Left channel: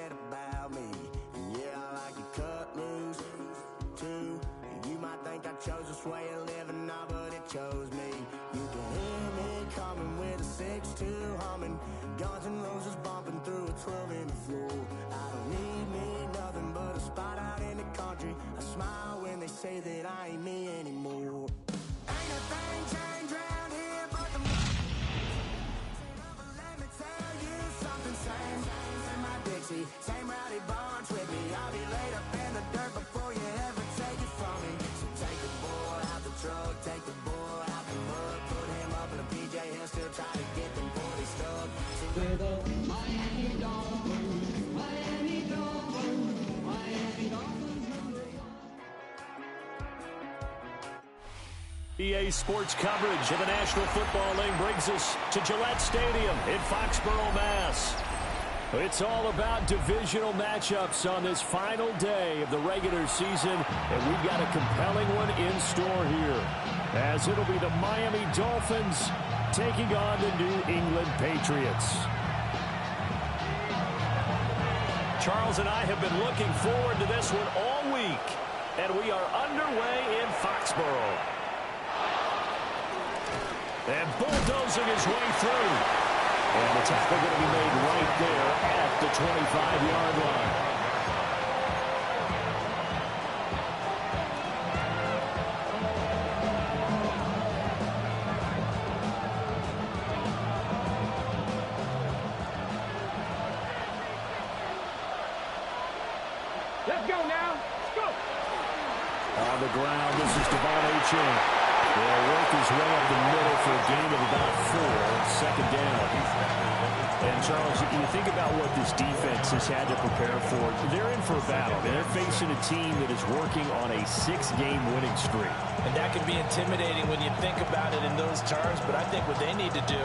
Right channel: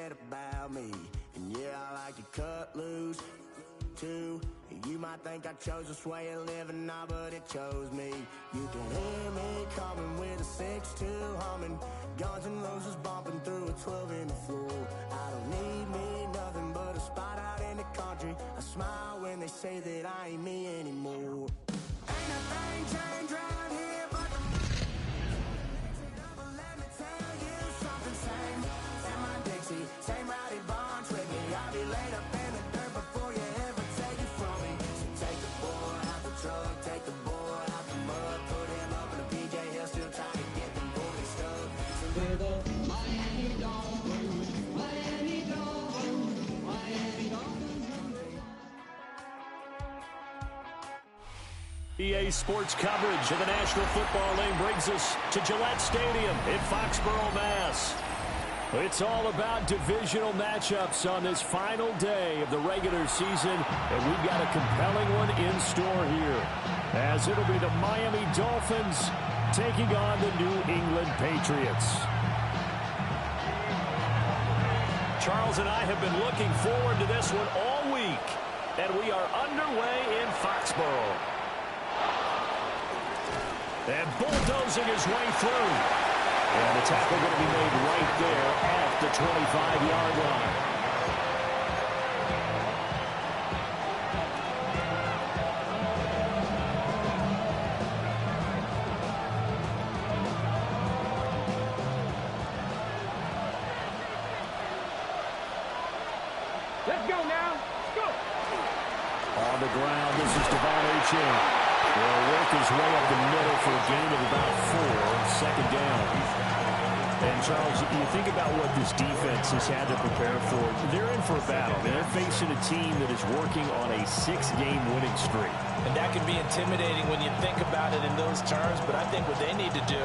said about me. And yeah, I like to cut loose, too. You might think I chose this way of living now, but it chose me. You can hear me coming with a 6-2 humming, Guns N' Roses bumping through a 12 in the floor. I don't need me nothing but a spot out in the country. I smile when they say that I ain't me anymore. Ain't a thing changed around here but the mix it up, but let me tell you something. Same in my Dixie, same rowdy bunch with me. I'll be laid up in the dirt before you ever take it from me. So take the boy out the truck, take the boy out the mud, put him up in a PJ, he'll still try to get them 40 stuck. So with the Miami Dolphins, Miami Dolphins, Miami Dolphins. EA Sports coverage of the National Football League brings us to Gillette Stadium in Foxborough, Mass. It's all about divisional matchups on this final day of the regular season, and we've got a compelling one in store here, as it'll be the Miami Dolphins taking on the New England Patriots. Charles and I have been looking forward to this one all week, and we are underway in Foxborough. And bulldozing his way through. And the tackle going to be made right there at the 25-yard line. Let's go now. Let's go. On the ground, this is Devon Achane. Will work his way up the middle for a gain of about 4, second down. And, Charles, you think about what this defense has had to prepare for. They're in for a battle. I mean, they're facing a team that is working on a 6-game winning streak. And that can be intimidating when you think about it in those terms, but I think what they need to do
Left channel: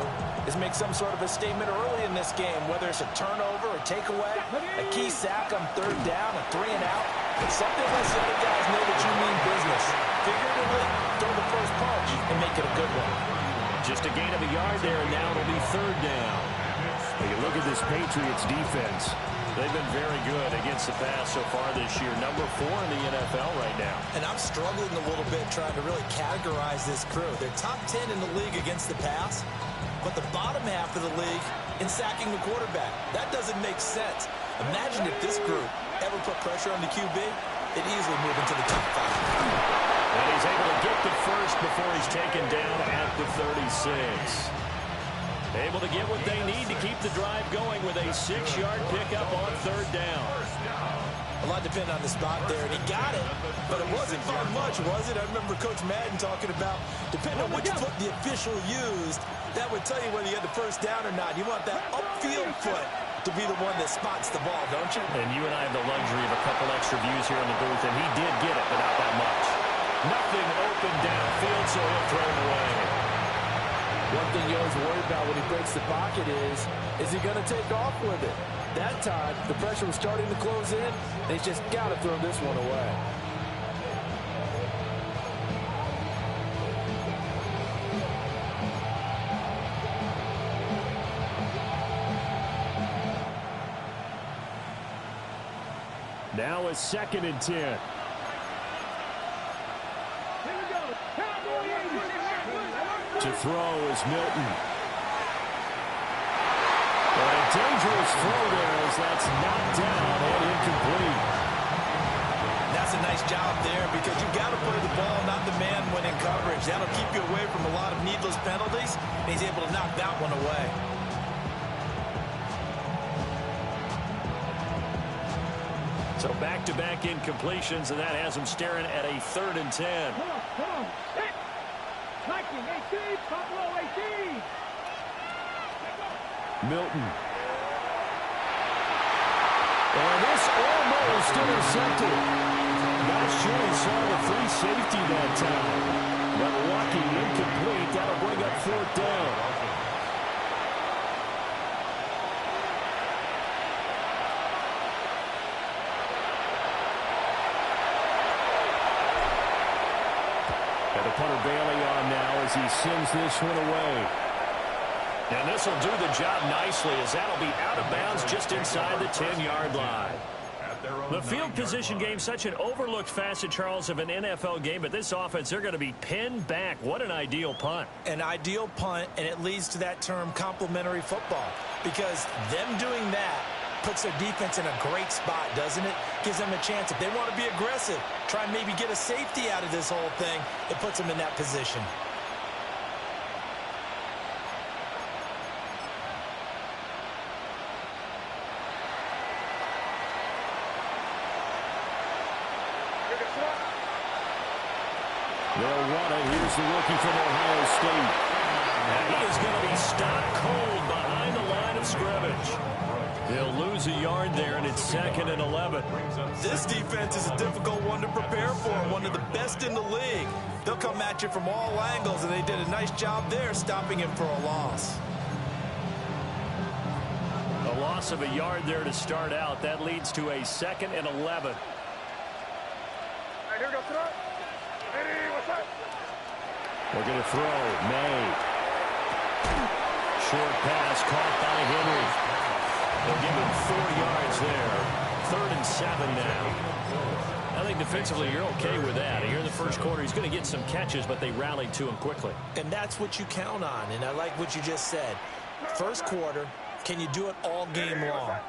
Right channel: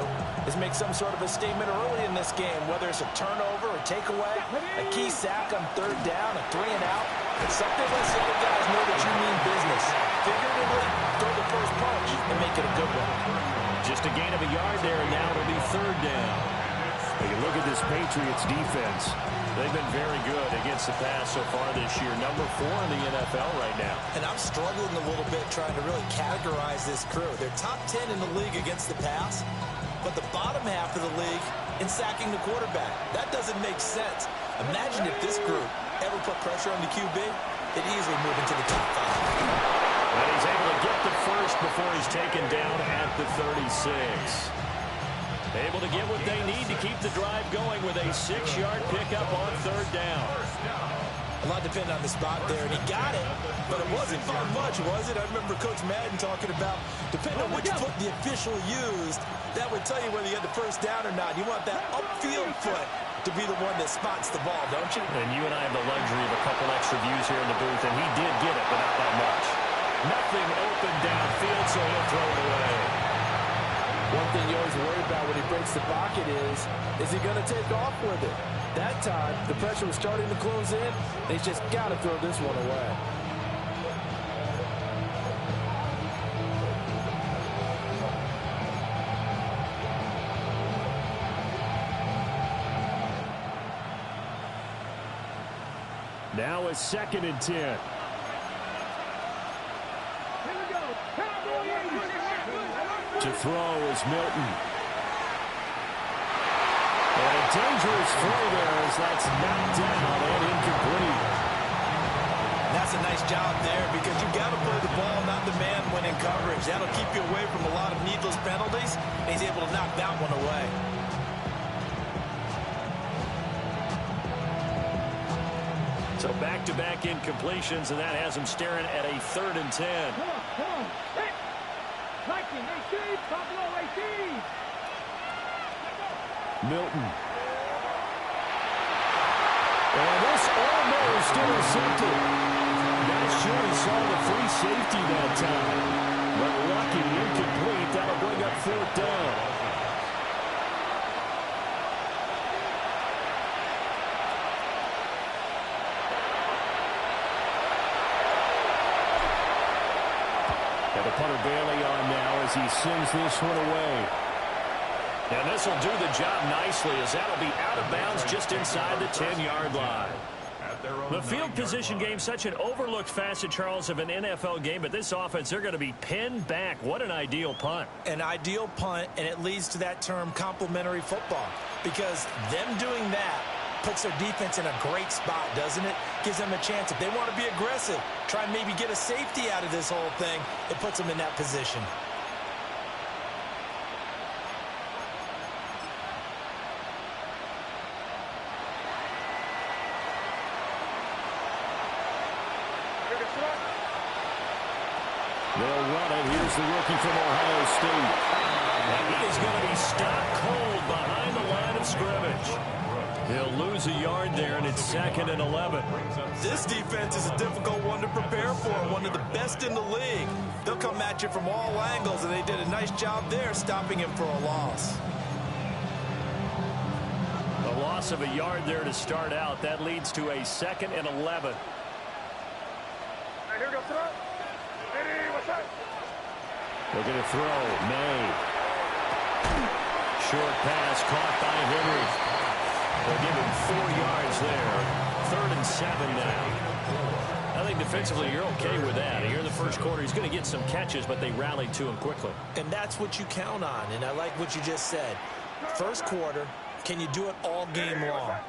is make some sort of a statement early in this game, whether it's a turnover, a takeaway, a key sack on third down, a 3-and-out. Something lets the other guys know that you mean business. Figuratively, throw the first punch and make it a good one. Just a gain of a yard there, and now it'll be third down. Now you look at this Patriots defense. They've been very good against the pass so far this year. Number 4 in the NFL right now. And I'm struggling a little bit trying to really categorize this crew. They're top 10 in the league against the pass, but the bottom half of the league in sacking the quarterback. That doesn't make sense. Imagine if this group ever put pressure on the QB, they'd easily move into the top 5. And he's able to get the first before he's taken down at the 36. Able to get what they need to keep the drive going with a 6-yard pickup on third down. A lot depended on the spot there, and he got it, but it wasn't by much, was it? I remember Coach Madden talking about, depending on which foot the official used, that would tell you whether you had the first down or not. You want that upfield foot to be the one that spots the ball, don't you? And you and I have the luxury of a couple extra views here in the booth, and he did get it, but not by much. Nothing open downfield, so he'll throw it away. One thing you always worry about when he breaks the pocket is he going to take off with it? That time, the pressure was starting to close in, and he's just got to throw this one away. Now a 2nd and 10. To throw is Milton. And a dangerous throw there as that's knocked down and incomplete. That's a nice job there because you've got to play the ball, not the man when in coverage. That'll keep you away from a lot of needless penalties, and he's able to knock that one away. So back-to-back incompletions, and that has him staring at a 3rd and 10. Come on. Set. Liking, 18, top low, 18. Milton. And this almost intercepted. Not sure he saw the free safety that time. But lucky, incomplete. That'll bring up 4th down. And the punter Bailey on now as he sends this one away. And this will do the job nicely, as that'll be out of bounds just inside the 10-yard line. The field position game, such an overlooked facet, Charles, of an NFL game, but this offense, they're going to be pinned back. What an ideal punt. An ideal punt, and it leads to that term complementary football, because them doing that puts their defense in a great spot, doesn't it? Gives them a chance. If they want to be aggressive, try and maybe get a safety out of this whole thing, it puts them in that position. They'll run it. Here's the rookie from Ohio State. And he is going to be stopped cold behind the line of scrimmage. He'll lose a yard there, and it's 2nd and 11. This defense is a difficult one to prepare for, one of the best in the league. They'll come at you from all angles, and they did a nice job there stopping him for a loss. A loss of a yard there to start out. That leads to a 2nd and 11. Here we go, throw. Ready, what's up? Looking to throw. May. Short pass caught by Henry. They'll give him 4 yards there. 3rd and 7 now. I think defensively you're okay with that. Here in the first quarter, he's going to get some catches, but they rallied to him quickly. And that's what you count on, and I like what you just said. First quarter, can you do it all game long?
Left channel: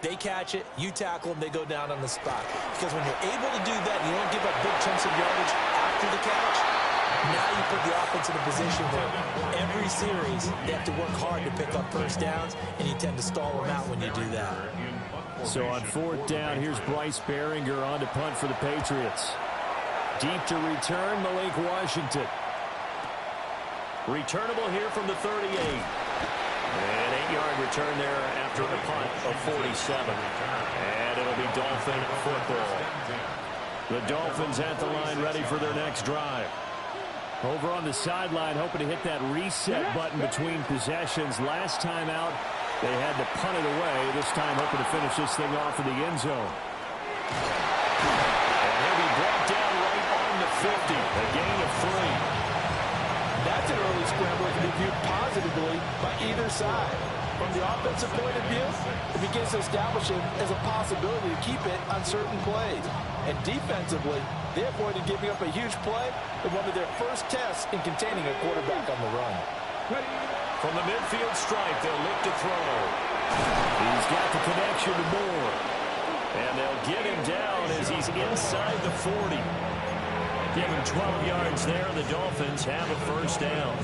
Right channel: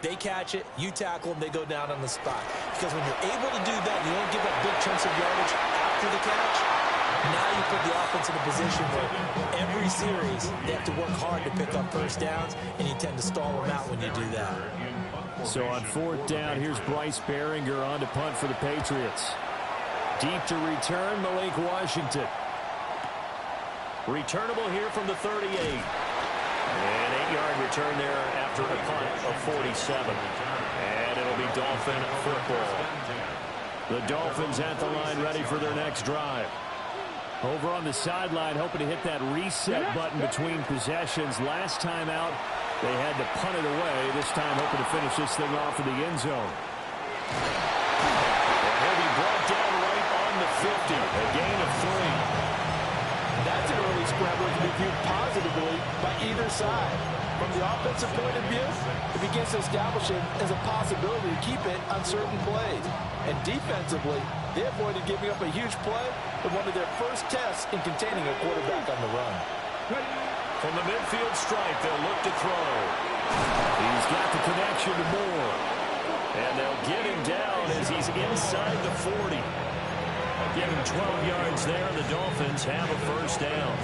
They catch it, you tackle them, they go down on the spot. Because when you're able to do that, you don't give up big chunks of yardage after the catch, now you put the offense in a position where every series they have to work hard to pick up first downs, and you tend to stall them out when you do that. So on 4th down, here's Bryce Behringer on to punt for the Patriots. Deep to return, Malik Washington. Returnable here from the 38. An 8-yard return there after a punt of 47. And it'll be Dolphin football. The Dolphins at the line ready for their next drive. Over on the sideline, hoping to hit that reset button between possessions. Last time out, they had to punt it away. This time hoping to finish this thing off in the end zone. And he'll be brought down right on the 50. A gain of 3. That's an early scramble that can be viewed positively by either side. From the offensive point of view, it begins to establish him as a possibility to keep it on certain plays. And defensively, they avoided giving up a huge play in one of their first tests in containing a quarterback on the run. From the midfield stripe, they'll look to throw. He's got the connection to Moore. And they'll get him down as he's inside the 40. Give him 12 yards there. The Dolphins have a first down.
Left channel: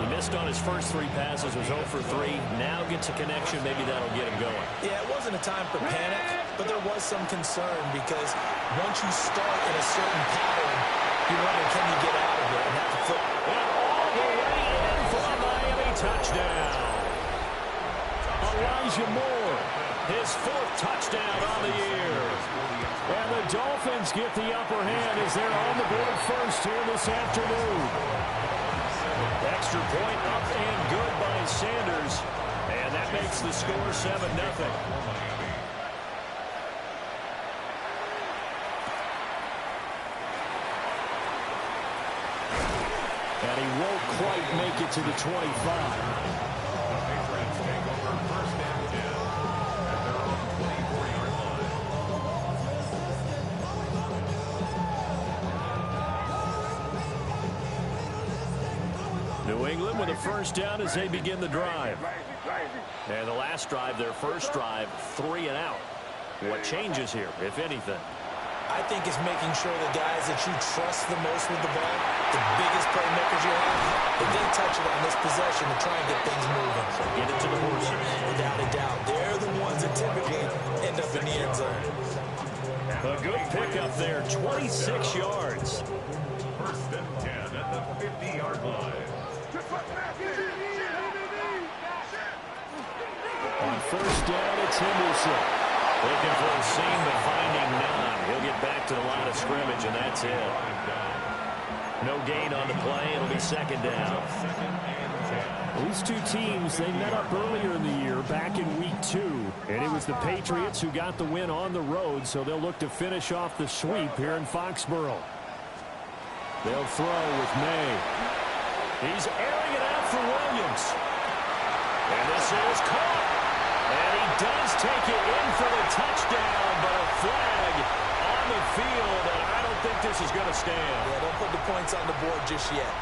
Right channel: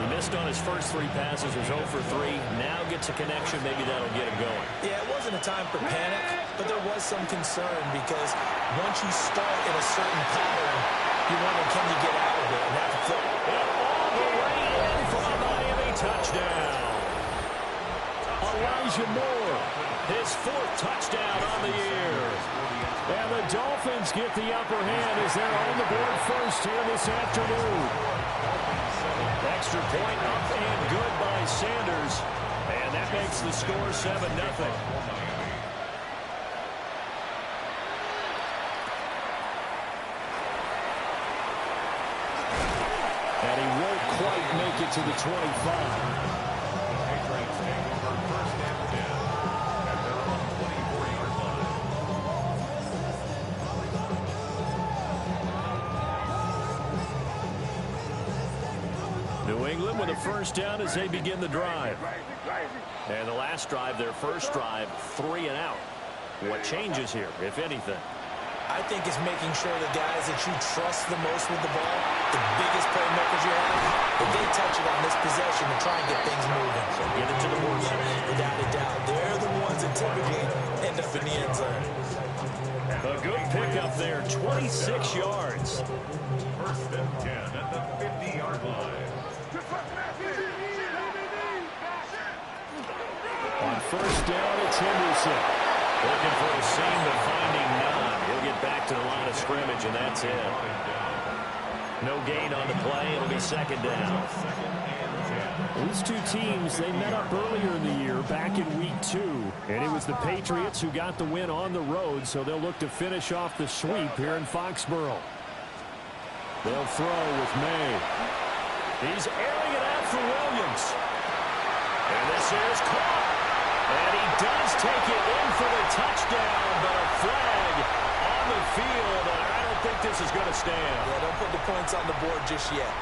He missed on his first 3 passes, was 0 for 3. Now gets a connection. Maybe that'll get him going. Yeah, it wasn't a time for panic, but there was some concern because once you start in a certain pattern, you wonder, can you get out of it? And that's a flip. And all the way in for a Miami touchdown. Elijah Moore, his 4th touchdown on the year. And the Dolphins get the upper hand as they're on the board first here this afternoon. Extra point up and good by Sanders. And that makes the score 7-0. And he won't quite make it to the 25. The Patriots take over 1st and 10 at their own 24-yard line. New England with a first down as they begin the drive. And the last drive, their first drive, 3 and out. What changes here, if anything? I think it's making sure the guys that you trust the most with the ball, the biggest playmakers you have, if they touch it on this possession to try and get things moving. So get it to the horses. Without a doubt. They're the ones that typically end up in the end zone. A good pickup there, 26 yards. 1st and 10 at the 50-yard line. On first down, it's Henderson. Looking for a seam, but finding none. He'll get back to the line of scrimmage, and that's it. No gain on the play. It'll be 2nd down. These two teams, they met up earlier in the year, back in week 2. And it was the Patriots who got the win on the road, so they'll look to finish off the sweep here in Foxborough. They'll throw with May. He's airing it out for Williams. And this is caught. And he does take it in for the touchdown, but a flag on the field, and I don't think this is going to stand. Yeah, don't put the points on the board just yet.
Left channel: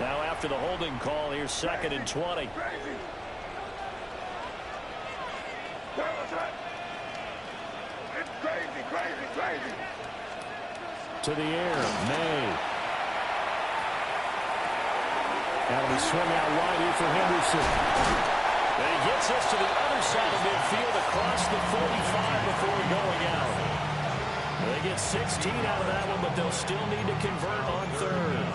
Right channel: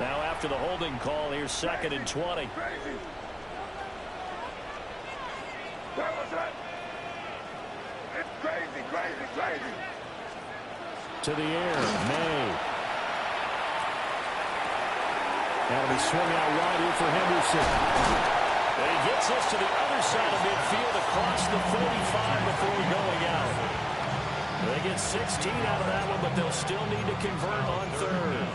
Now after the holding call, here's 2nd and 20. It's crazy. To the air, May. That'll be swung out wide here for Henderson. And he gets this to the other side of midfield across the 45 before going out. They get 16 out of that one, but they'll still need to convert on 3rd.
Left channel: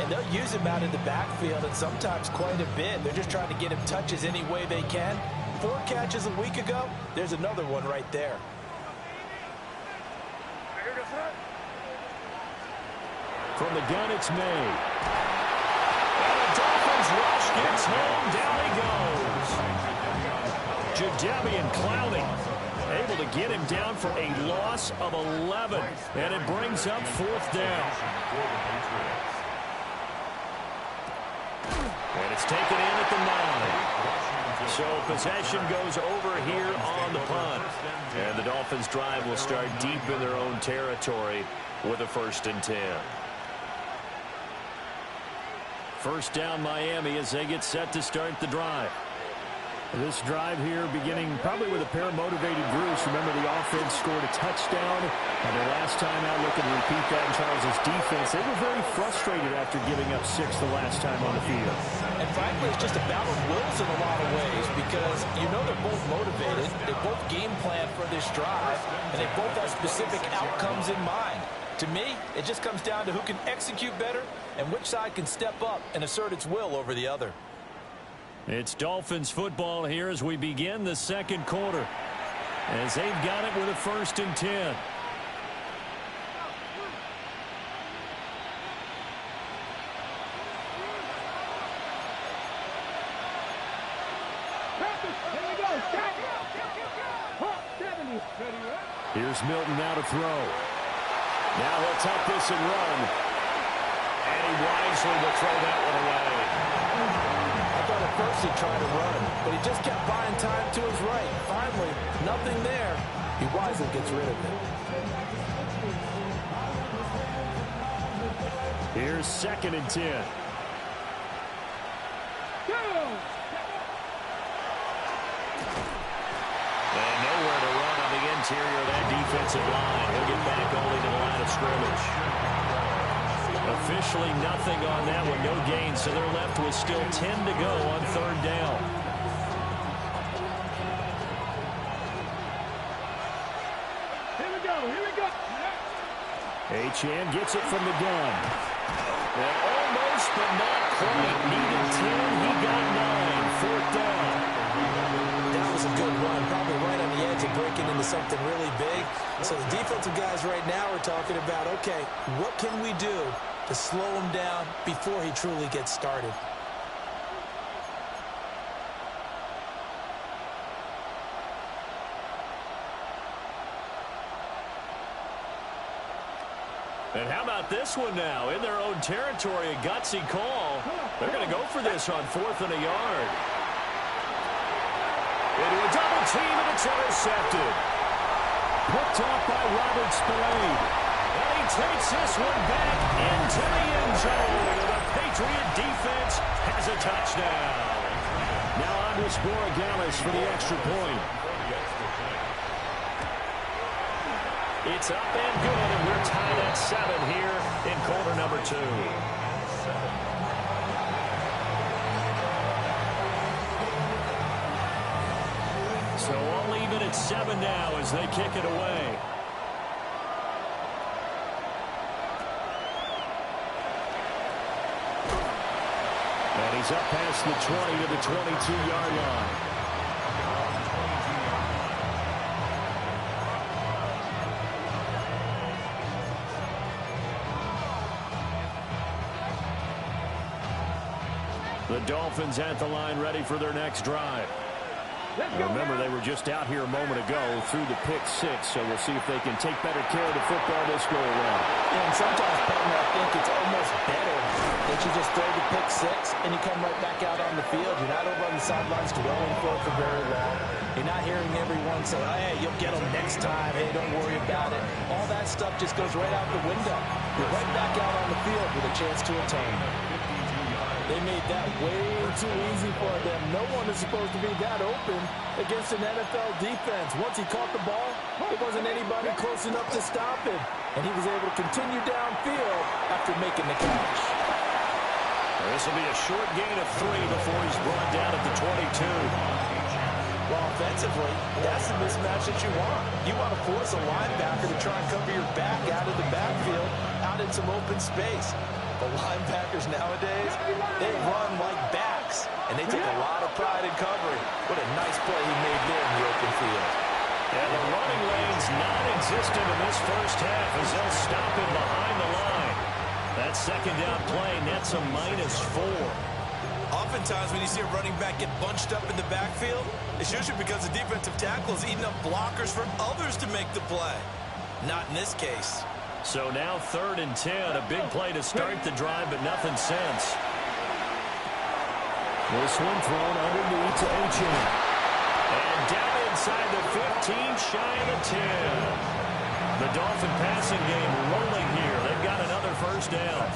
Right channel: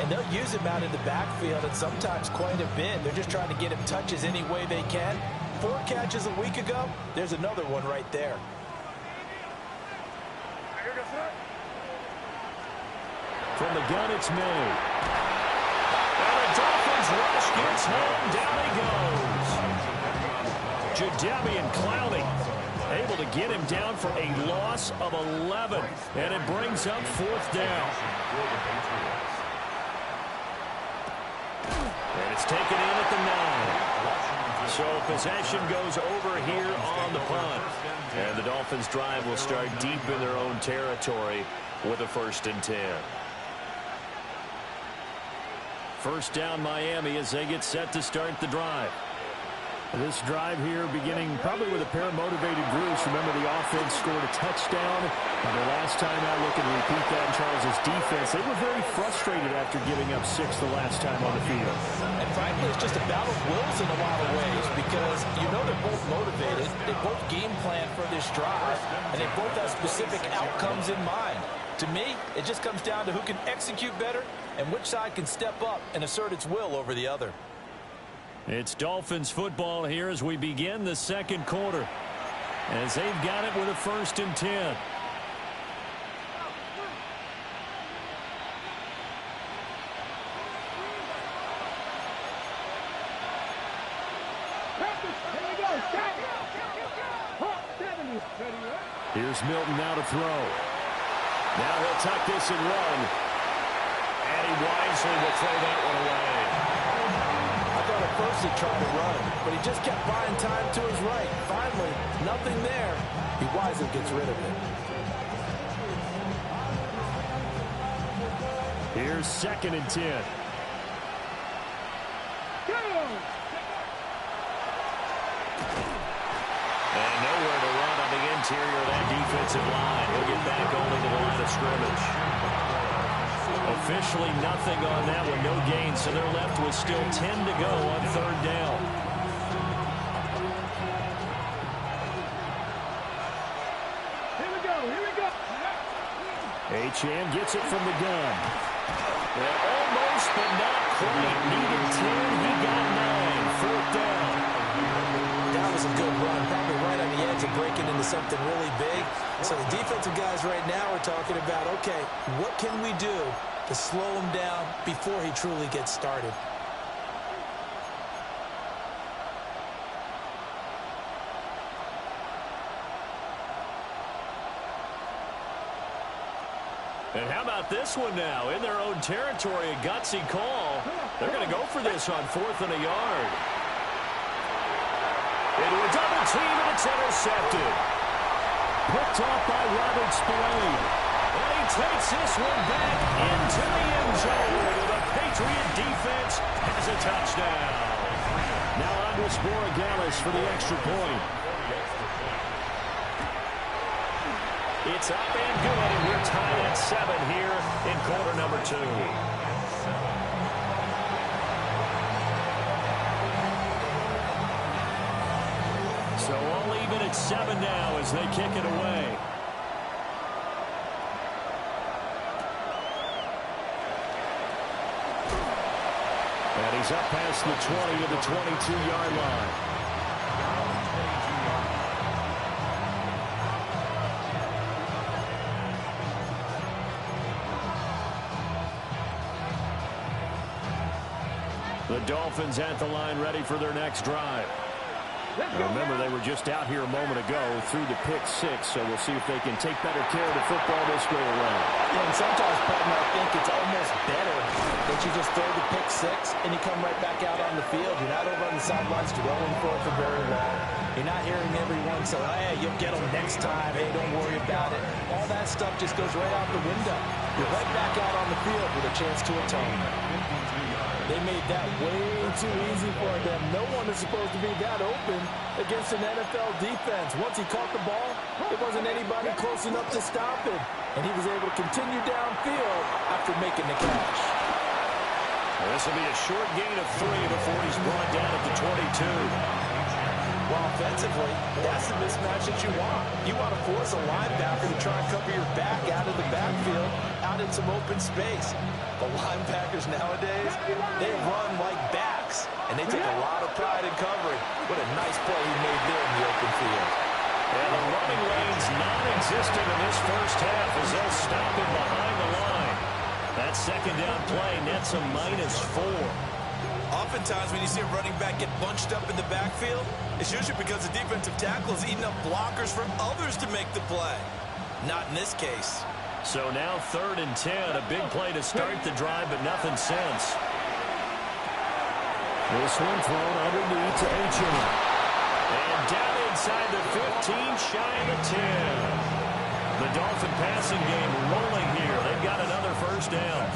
And they'll use him out in the backfield, and sometimes quite a bit. They're just trying to get him touches any way they can. 4 catches a week ago. There's another one right there. From the gun, it's May. And the Dolphins rush gets home. Down he goes. Jadeveon Clowney able to get him down for a loss of 11. And it brings up 4th down. And it's taken in at the 9. So possession goes over here on the punt. And the Dolphins drive will start deep in their own territory with a 1st and 10. First down Miami as they get set to start the drive. This drive here beginning probably with a pair of motivated groups. Remember, the offense scored a touchdown on their last time out. Looking to repeat that in Charles's defense. They were very frustrated after giving up 6 the last time on the field. And frankly, it's just a battle of wills in a lot of ways because you know they're both motivated. They both game plan for this drive, and they both have specific outcomes in mind. To me, it just comes down to who can execute better and which side can step up and assert its will over the other. It's Dolphins football here as we begin the 2nd quarter. As they've got it with a 1st and 10. Here's Milton now to throw. Now he'll tuck this and run. And he wisely will throw that one away. I thought at first he'd try to run, but he just kept buying time to his right. Finally, nothing there. He wisely gets rid of it. Here's 2nd and 10. And nowhere to run on the interior of that defensive line. He'll get back only to the line of scrimmage. Officially nothing on that one, no gain, so they're left with still 10 to go on 3rd down. Here we go. Achane gets it from the gun. And almost, but not quite. Needed 10, he got 9. 4th down. That was a good run, probably right on the edge of breaking into something really big. So the defensive guys right now are talking about, okay, what can we do to slow him down before he truly gets started? And how about this one now? In their own territory, a gutsy call. They're going to go for this on 4th and a yard. Into a double team, and it's intercepted. Picked off by Robert Spillane. And he takes this one back into the end zone. The Patriot defense has a touchdown. Now on to Borregales for the extra point. It's up and good, and we're tied at 7 here in quarter number 2. So all even at 7 now as they kick it away. And he's up past the 20 to the 22-yard line. The Dolphins at the line ready for their next drive. Remember, they were just out here a moment ago through the pick six, so we'll see if they can take better care of the football this go-around. Yeah, and sometimes, partner, I think it's almost better that you just throw the pick six and you come right back out on the field. You're not over on the sidelines dwelling for it for very long. You're not hearing everyone say, hey, you'll get them next time. Hey, don't worry about it. All that stuff just goes right out the window. You're right back out on the field with a chance to atone. They made that way too easy for them. No one is supposed to be that open against an NFL defense. Once he caught the ball, there wasn't anybody close enough to stop him. And he was able to continue downfield after making the catch. This will be a short gain of 3 before he's brought down at the 22. Well, offensively, that's the mismatch that you want. You want to force a linebacker to try and cover your back out of the backfield, out in some open space. The linebackers nowadays, they run like backs, and they take a lot of pride in covering. What a nice play he made there in the open field. And the running lane's non-existent in this first half as they'll stop him behind the line. That second down play nets a -4. Oftentimes when you see a running back get bunched up in the backfield, it's usually because the defensive tackle is eating up blockers from others to make the play. Not in this case. So now 3rd and 10, a big play to start the drive, but nothing since. This one thrown underneath to H.M. And down inside the 15, shy of the 10. The Dolphin passing game rolling here. They've got another first down.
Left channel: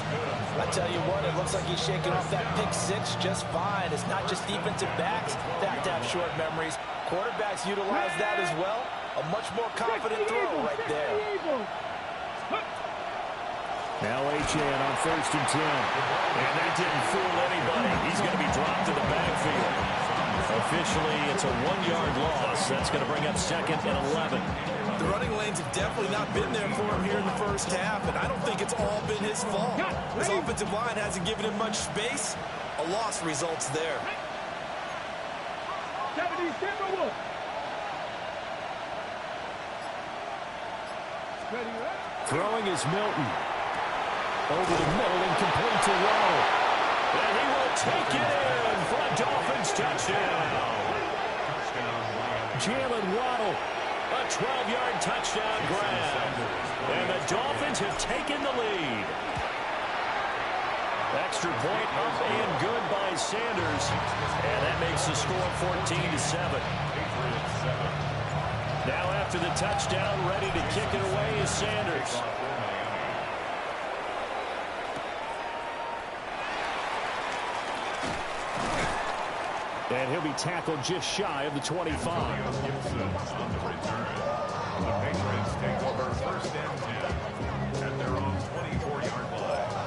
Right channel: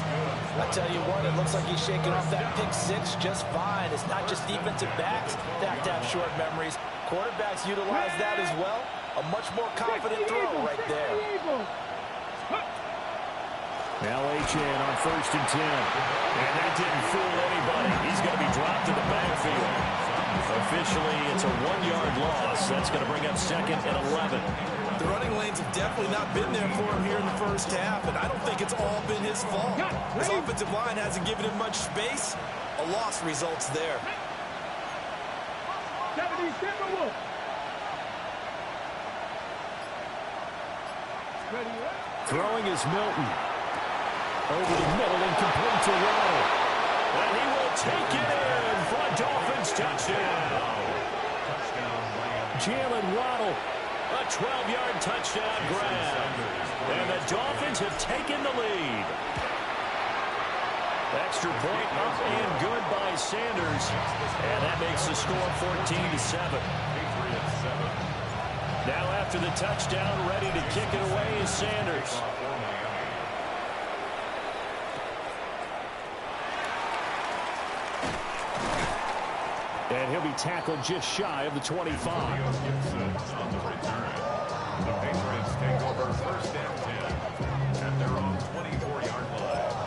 I tell you what, it looks like he's shaking off that pick six just fine. It's not just defensive backs that have to have short memories. Quarterbacks utilize that as well. A much more confident throw right there. Now Achane on 1st and 10. And that didn't fool anybody. He's going to be dropped to the backfield. Officially, it's a 1-yard loss. That's going to bring up 2nd and 11. The running lanes have definitely not been there for him here in the first half, and I don't think it's all been his fault. His offensive line hasn't given him much space. A loss results there. Throwing is Milton. Over the middle and complete to Waddle. And he will take it in for a Dolphins touchdown. Jalen Waddle, a 12-yard touchdown grab. And the Dolphins have taken the lead. Extra point up and good by Sanders. And that makes the score 14-7. Now after the touchdown, ready to kick it away is Sanders. And he'll be tackled just shy of the 25. On the return. The Patriots take over 1st and 10 at their own 24-yard line.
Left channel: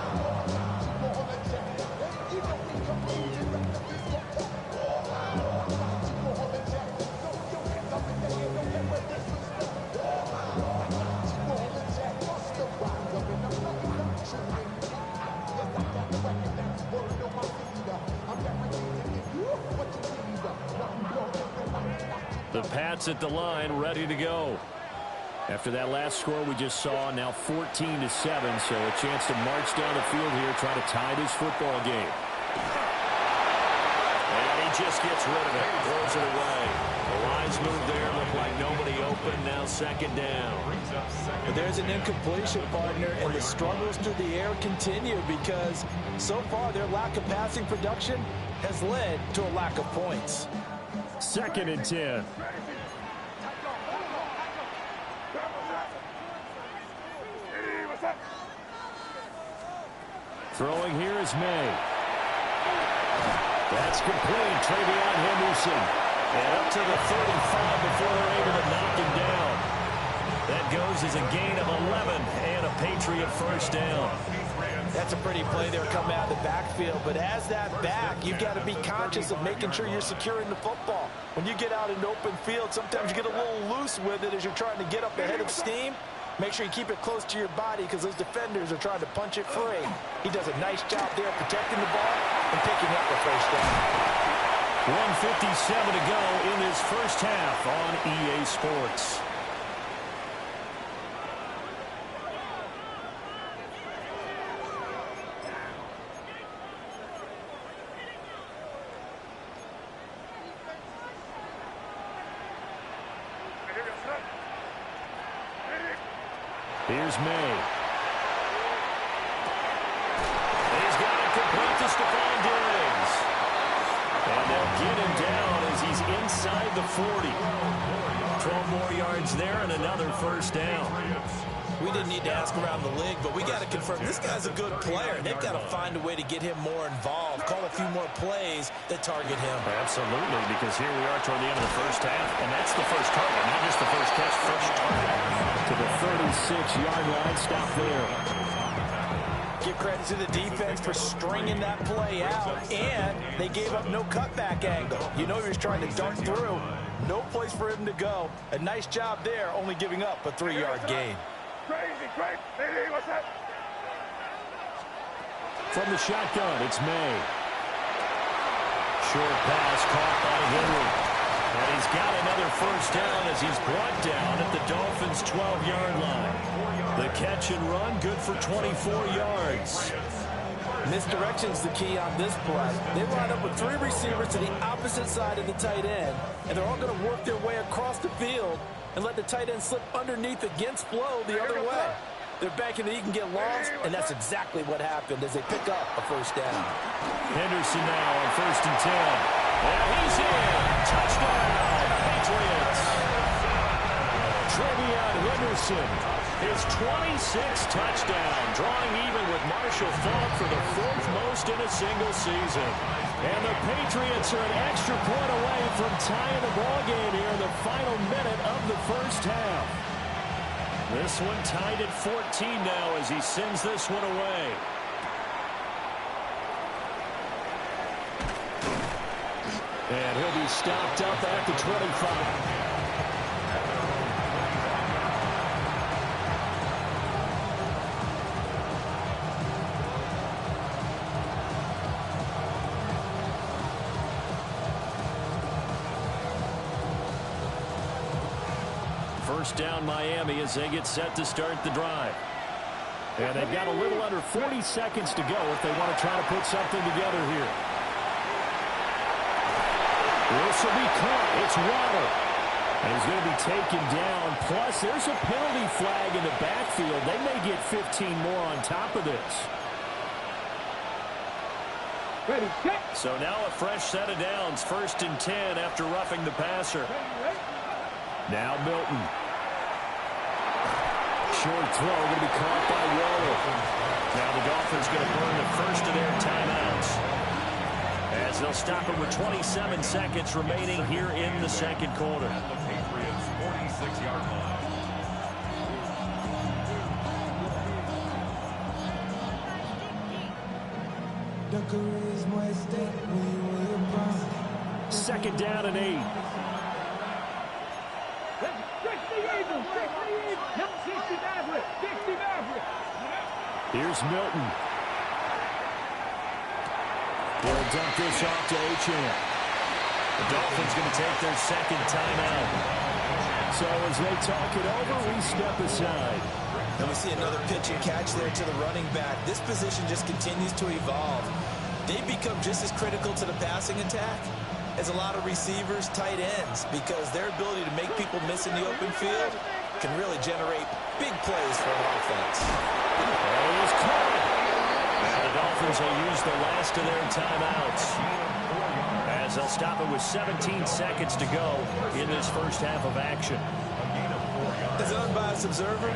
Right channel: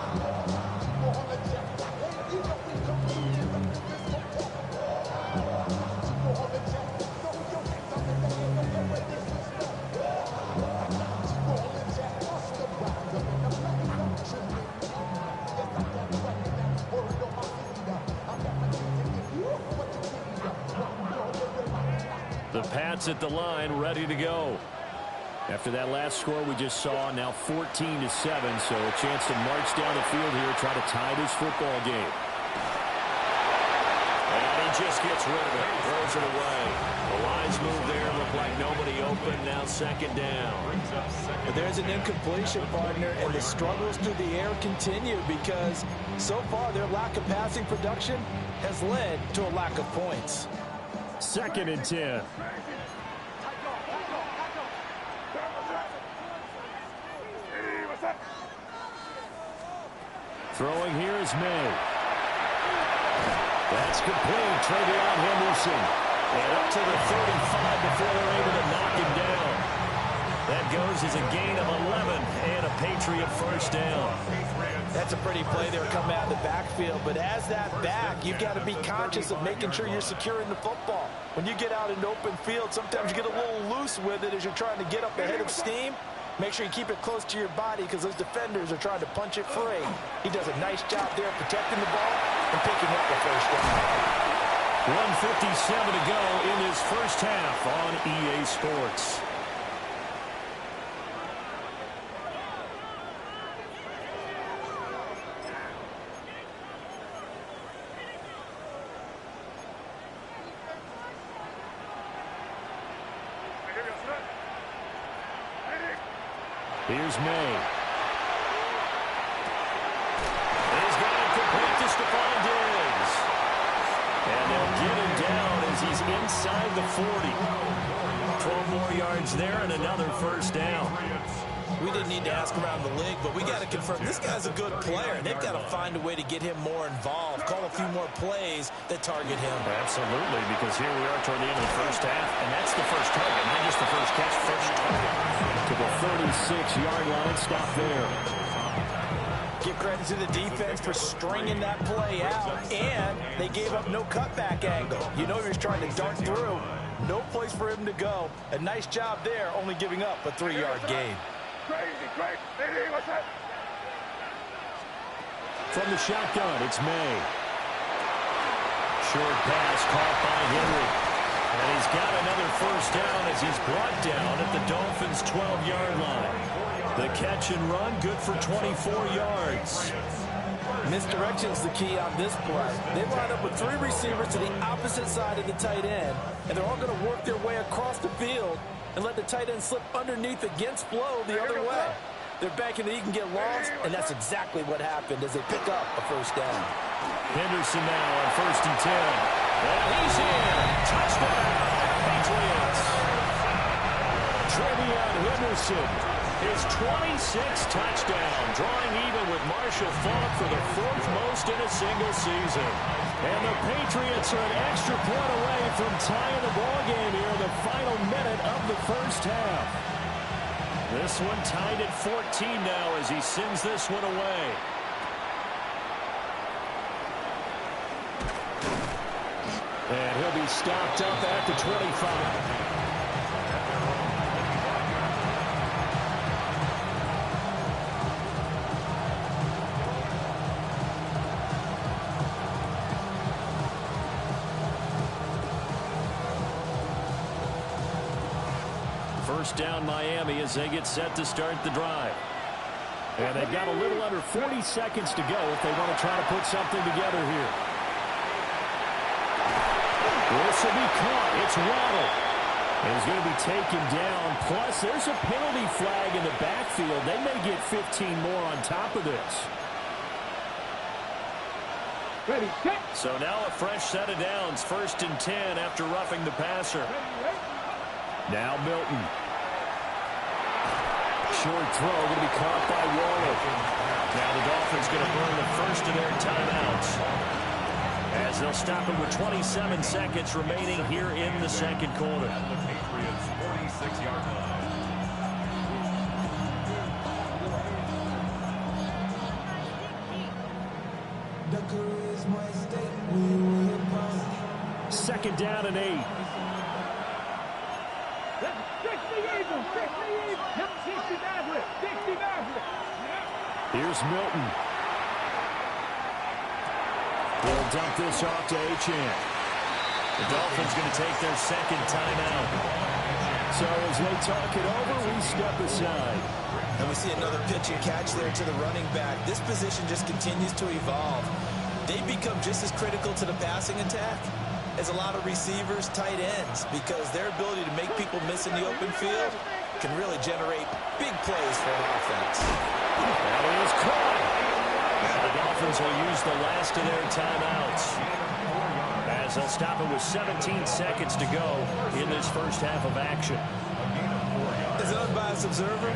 The Pats at the line, ready to go. After that last score we just saw, now 14-7, so a chance to march down the field here, try to tie this football game. And he just gets rid of it, throws it away. The wise move there, looked like nobody open, now 2nd down. But there's an incompletion, partner, and the struggles through the air continue because so far their lack of passing production has led to a lack of points. 2nd and 10. Throwing here is May. That's complete. Travion Henderson. And up to the 35 before they're able to knock him down. That goes as a gain of 11 and a Patriot first down. That's a pretty play there coming out of the backfield. But as that back, you've got to be conscious of making sure you're securing the football. When you get out in open field, sometimes you get a little loose with it as you're trying to get up ahead of steam. Make sure you keep it close to your body because those defenders are trying to punch it free. He does a nice job there protecting the ball and picking up a first down. 1:57 to go in this first half on EA Sports. Here's May. He's got it complete to Stephon Diggs. And they'll get him down as he's inside the 40. 12 more yards there and another first down. We didn't need to ask around the league, but we got to confirm this guy's a good player. They've got to find a way to get him more involved, call a few more plays that target him. Absolutely, because here we are toward the end of the first half, and that's the first target, not just the first catch, first target. To the 36-yard line, stop there. Give credit to the defense for stringing that play out, and they gave up no cutback angle. You know he was trying to dart through. No place for him to go. A nice job there, only giving up a 3-yard gain. Crazy, what's that? From the shotgun, it's May. Short pass caught by Henry. And he's got another first down as he's brought down at the Dolphins' 12-yard line. The catch and run, good for 24 yards. Misdirection's the key on this play. They line up with 3 receivers to the opposite side of the tight end, and they're all going to work their way across the field and let the tight end slip underneath against flow the other way. They're banking that he can get lost, and that's exactly what happened as they pick up a first down. Henderson now on 1st and 10. And he's in. Touchdown, Patriots. Trevion Henderson, his 26th touchdown, drawing even with Marshall Faulk for the 4th most in a single season. And the Patriots are an extra point away from tying the ball game here in the final minute of the first half. This one tied at 14 now as he sends this one away. And he'll be stopped up at the 25. First down Miami as they get set to start the drive. And they've got a little under 40 seconds to go if they want to try to put something together here. This will be caught. It's Waddle. And he's going to be taken down. Plus, there's a penalty flag in the backfield. They may get 15 more on top of this. Ready, check. So now a fresh set of downs. 1st and 10 after roughing the passer. Now Milton. Short throw going to be caught by Waller. Now the Dolphins going to burn the first of their timeouts as they'll stop it with 27 seconds remaining here in the second quarter. At the Patriots' 46-yard line. Second down and 8. 60 Maverick. Here's Milton. He'll dump this off to Achane. The Dolphins going to take their second timeout. So as they talk it over, we step aside. And we see another pitch and catch there to the running back. This position just continues to evolve. They become just as critical to the passing attack as a lot of receivers, tight ends, because their ability to make people miss in the open field can really generate big plays for an offense. That is caught. Now the Dolphins will use the last of their timeouts as they'll stop it with 17 seconds to go in this first half of action. As an unbiased observer,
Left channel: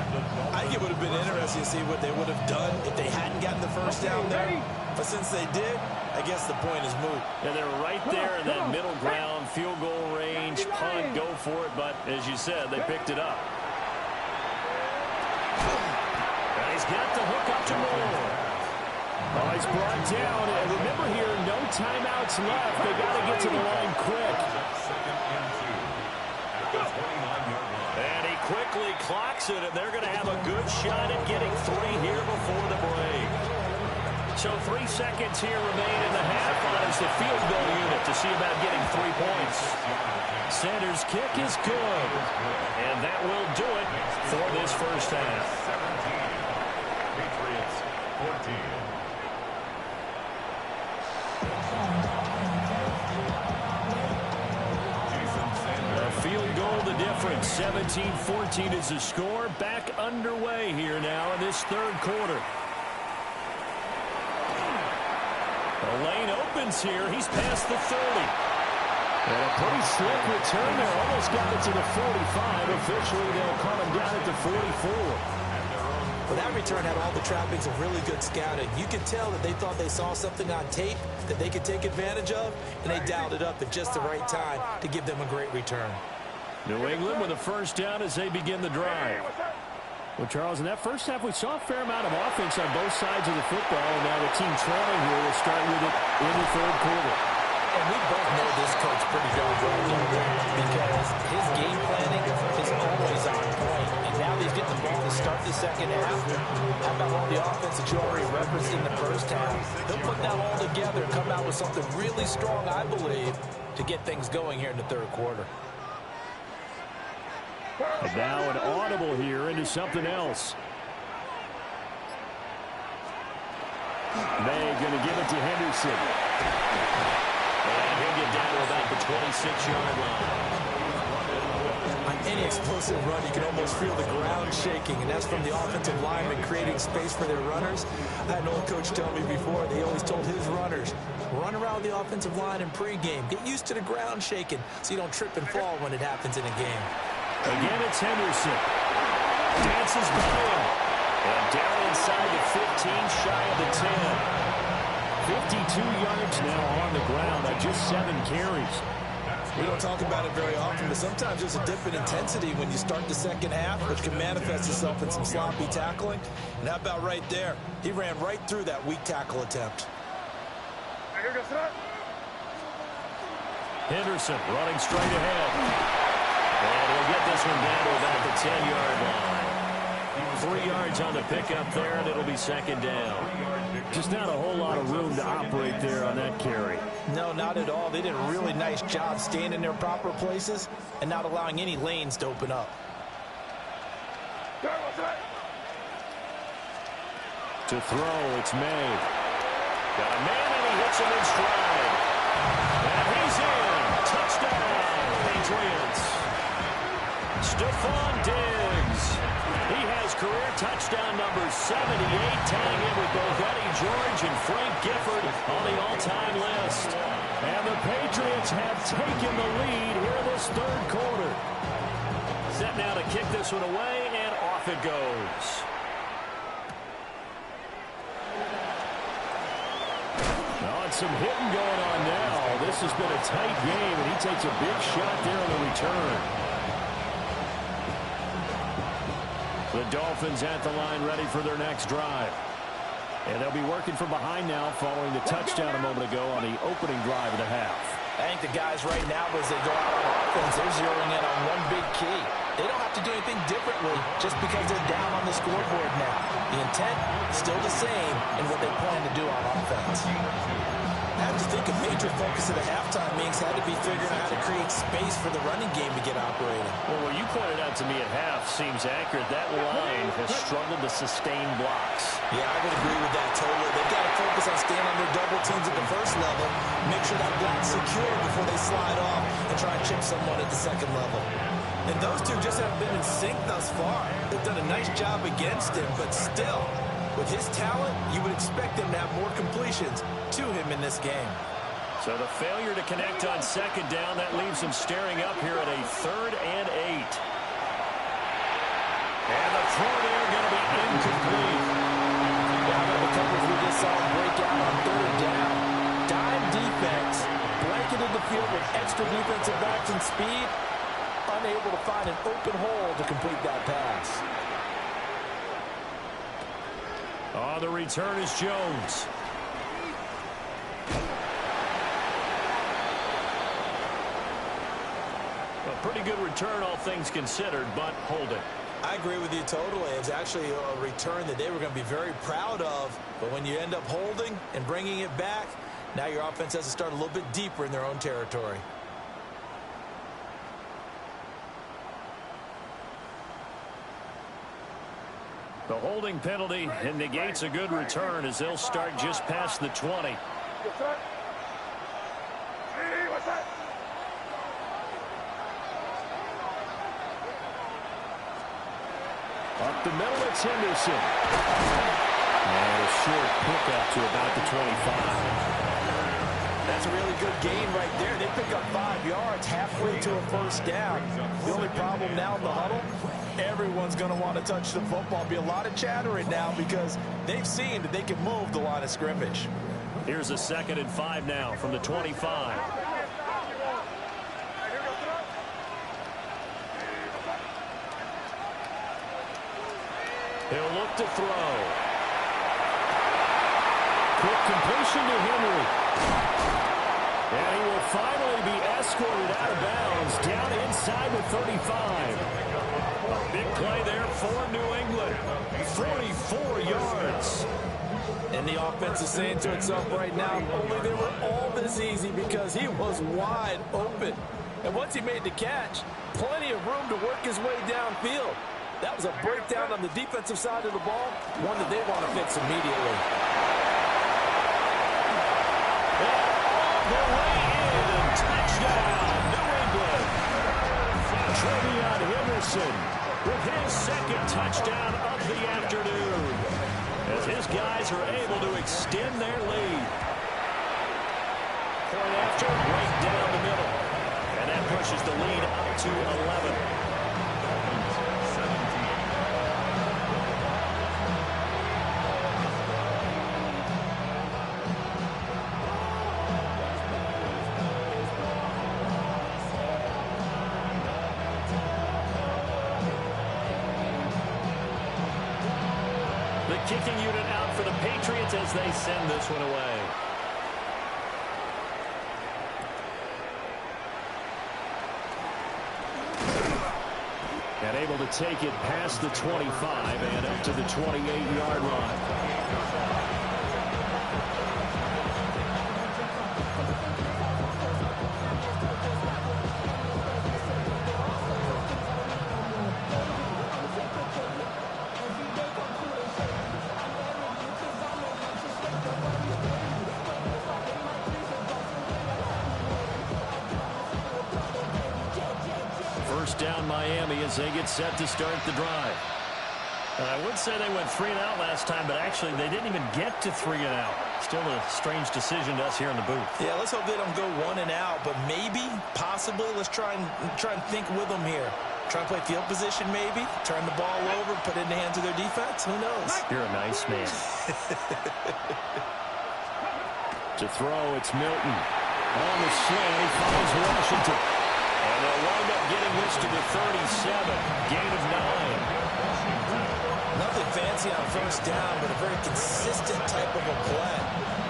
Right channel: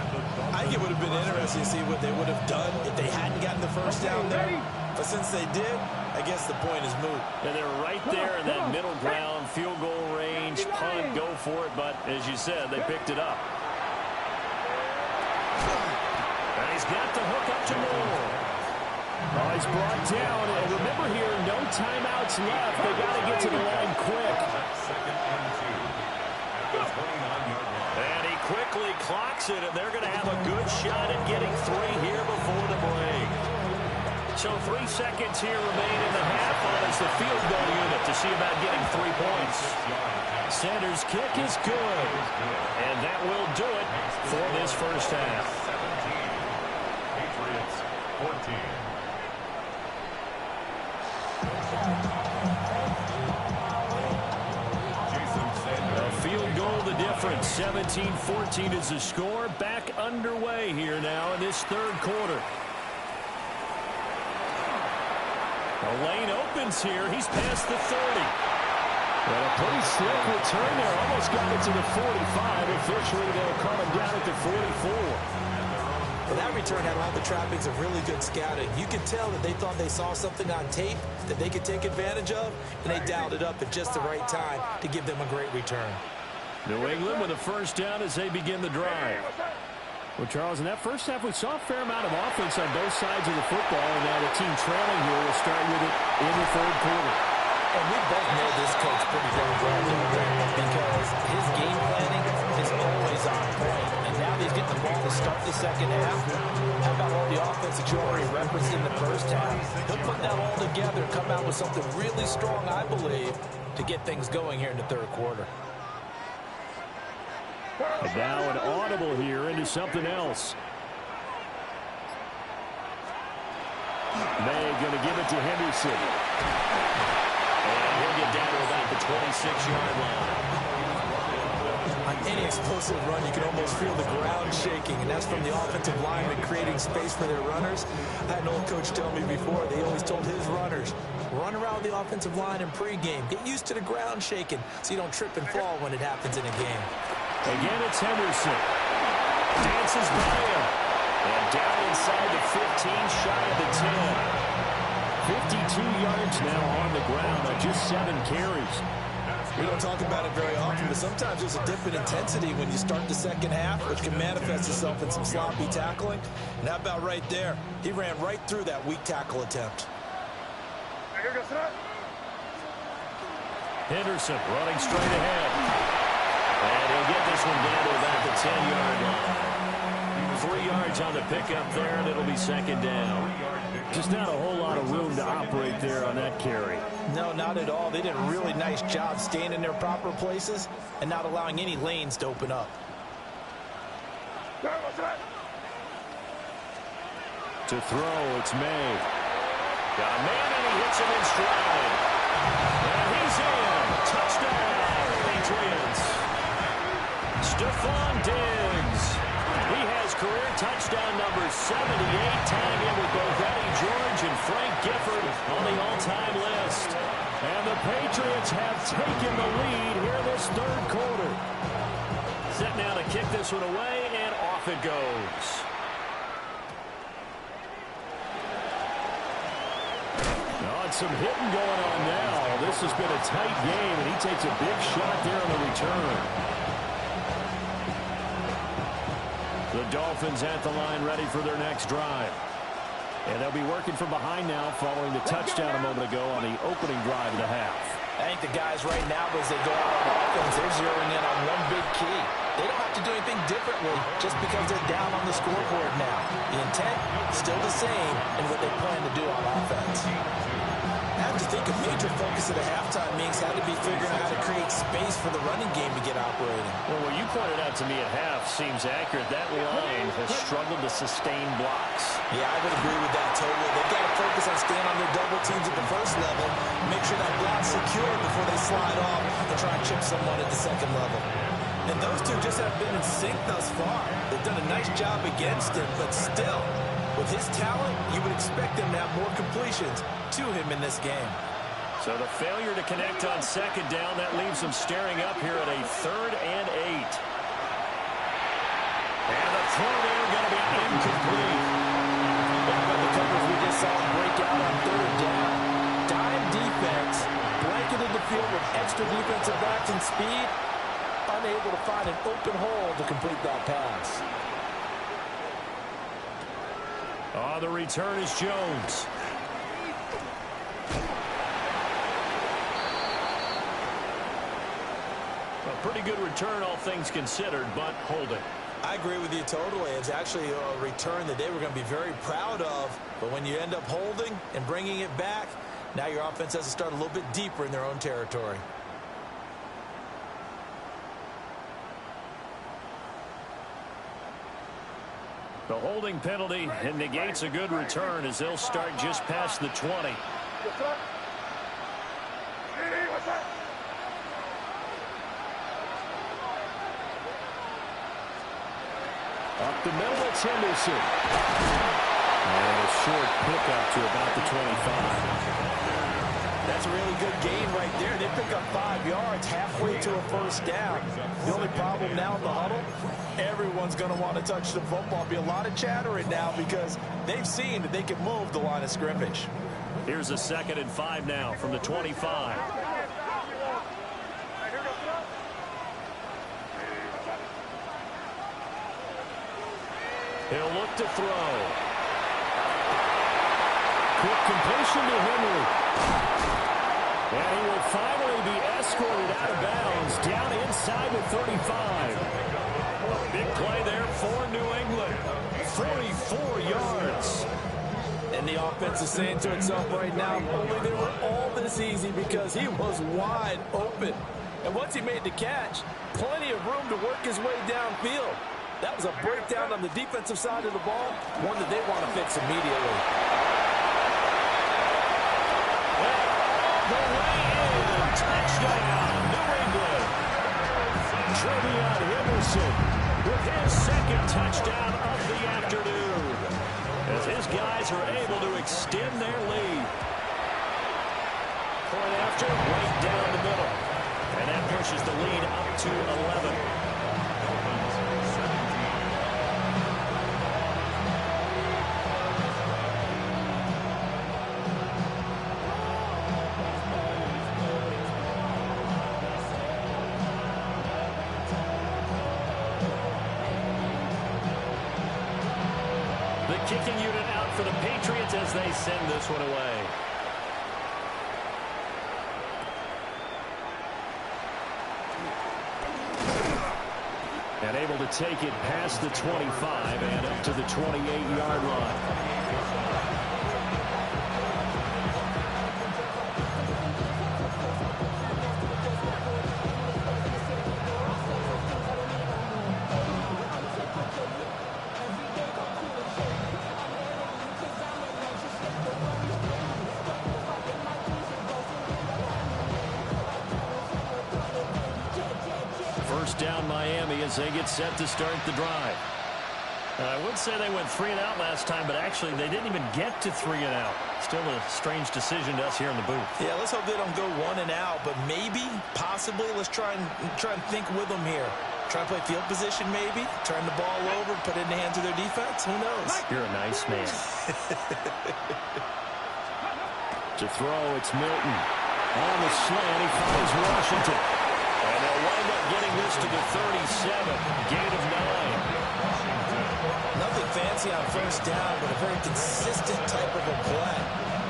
I think it would have been interesting to see what they would have done if they hadn't gotten the first down there. But since they did, I guess the point is moot. And they're right there in that middle ground, field goal range, punt, go for it. But as you said, they picked it up. And he's got the hook up to Moore. Oh, he's brought down. And remember here, no timeouts left. They got to get to the line quick. Second and 2 at the 29-yard line. And he quickly clocks it, and they're going to have a good shot at getting 3 here before the break. So 3 seconds here remain in the half as the field goal unit to see about getting 3 points. Sanders' kick is good, and that will do it for this first half. 17. Patriots 14. A field goal the difference. 17-14 is the score. Back underway here now in this third quarter. The lane opens here. He's past the 30. And a pretty slick return there. Almost got it to the 45. Officially, they'll call him down at the 44. Well, that return had all the trappings of really good scouting. You could tell that they thought they saw something on tape that they could take advantage of, and they dialed it up at just the right time to give them a great return. New England with a first down as they begin the drive. Well, Charles, in that first half, we saw a fair amount of offense on both sides of the football, and now the team trailing here will start with it in the third quarter. And we both know this coach pretty darn well, don't we? Because his game planning is always on point. And now he's getting the ball to start the second half. How about all the offense that you already referenced in the first half? He'll put that all together and come out with something really strong, I believe, to get things going here in the third quarter. And now an audible here into something else. May going to give it to Henderson. And he'll get down to about the 26-yard line. On any explosive run, you can almost feel the ground shaking, and that's from the offensive linemen creating space for their runners. I had an old coach tell me before, they always told his runners, run around the offensive line in pregame. Get used to the ground shaking so you don't trip and fall when it happens in a game. Again, it's Henderson. Dances by him. And down inside the 15, shy of the 10. 52 yards now on the ground on just 7 carries. We don't talk about it very often, but sometimes there's a dip in intensity when you start the second half, which can manifest itself in some sloppy tackling. And how about right there? He ran right through that weak tackle attempt. Henderson running straight ahead. And he'll get this one down to about the 10-yard line. 3 yards on the pickup there, and it'll be second down. Just not a whole lot of room to operate there on that carry. No, not at all. They did a really nice job staying in their proper places and not allowing any lanes to open up. To throw, it's May. Got a man, and he hits him in stride. And he's in. Touchdown, Patriots. Stephon Diggs. He has career touchdown number 78, tying in with both Eddie George and Frank Gifford on the all-time list. And the Patriots have taken the lead here in this third quarter. Set now to kick this one away, and off it goes. Oh, it's some hitting going on now. This has been a tight game, and he takes a big shot there on the return. The Dolphins at the line ready for their next drive. And they'll be working from behind now following the touchdown a moment ago on the opening drive of the half. I think the guys right now, as they go out on offense, they're zeroing in on one big key. They don't have to do anything differently just because they're down on the scoreboard now. The intent still the same in what they plan to do on offense. I have to think a major focus of the halftime meetings had to be figuring out how to create space for the running game to get operating. Well, what you pointed out to me at half seems accurate. That line has struggled to sustain blocks. Yeah, I would agree with that totally. They've got to focus on staying on their double teams at the first level, make sure that block's secure before they slide off and try and chip someone at the second level. And those two just haven't been in sync thus far. They've done a nice job against him, but still, with his talent, you would expect them to have more completions to him in this game. So the failure to connect on second down, that leaves them staring up here at a 3rd and 8. And the throw there going to be incomplete. How about the coverage we just saw him break out on 3rd down? Dime defense, blanketed the field with extra defensive backs and speed, unable to find an open hole to complete that pass. On the return is Jones. A pretty good return, all things considered, but holding. I agree with you totally. It's actually a return that they were going to be very proud of. But when you end up holding and bringing it back, now your offense has to start a little bit deeper in their own territory. The holding penalty and negates a good return as they'll start just past the 20. Up the middle, it's Henderson. And a short pickup to about the 25. That's a really good gain right there. They pick up 5 yards halfway to a first down. The only problem now in the huddle, everyone's going to want to touch the football. Be a lot of chattering now because they've seen that they can move the line of scrimmage. Here's a 2nd and 5 now from the 25. He'll look to throw. Quick completion to Henry. And he will finally be escorted out of bounds down inside the 35. A big play there for New England. 44 yards. And the offense is saying to itself right now, only they were all this easy because he was wide open. And once he made the catch, plenty of room to work his way downfield. That was a breakdown on the defensive side of the ball, one that they want to fix immediately. And all the way in, touchdown, New England. Trevion Henderson with his 2nd touchdown of the afternoon, as his guys are able to extend their lead. Point after, right down the middle. And that pushes the lead up to 11. Dolphins 17. The kicking unit out for the Patriots as they send this one away. And able to take it past the 25 and up to the 28-yard line. First down Miami as they get set to start the drive. I would say they went 3 and out last time, but actually they didn't even get to 3 and out. Still a strange decision to us here in the booth. Yeah, let's hope they don't go 1 and out, but maybe, possibly, let's try and think with them here. Try and play field position maybe, turn the ball over, put it in the hands of their defense. Who knows? You're a nice man. To throw, it's Milton. On the slant, he finds Washington. And they'll wind up getting this to the 37. Gain of 9. Nothing fancy on first down, but a very consistent type of a play.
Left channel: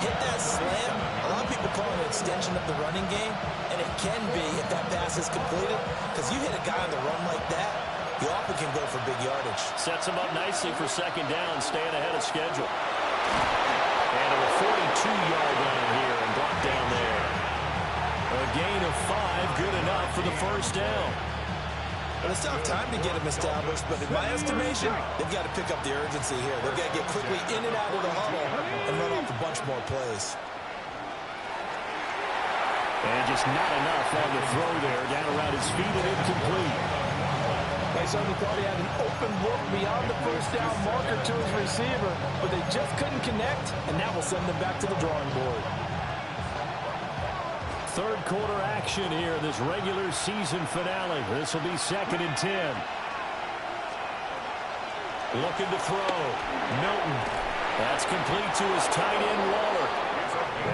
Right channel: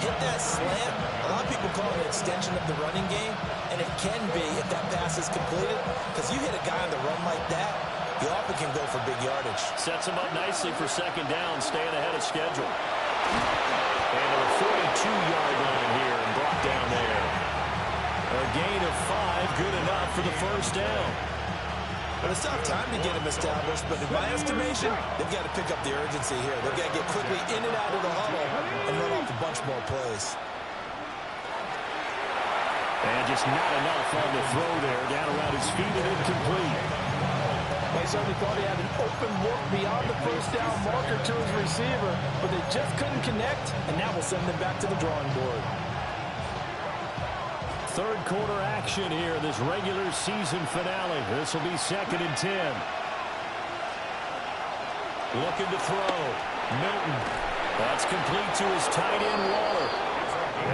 Hit that slant. A lot of people call it an extension of the running game, and it can be if that pass is completed, because you hit a guy on the run like that, you often can go for big yardage. Sets him up nicely for 2nd down, staying ahead of schedule. And to the 42-yard line here and brought down there. A gain of 5, good enough for the first down. Well, it's tough time to get them established, but in my estimation, they've got to pick up the urgency here. They've got to get quickly in and out of the huddle and run off a bunch more plays. And just not enough on the throw there, down around his feet and incomplete. They certainly thought he had an open look beyond the first down marker to his receiver, but they just couldn't connect, and that will send them back to the drawing board. Third quarter action here, this regular season finale. This will be 2nd and 10. Looking to throw. Milton. That's complete to his tight end, Waller.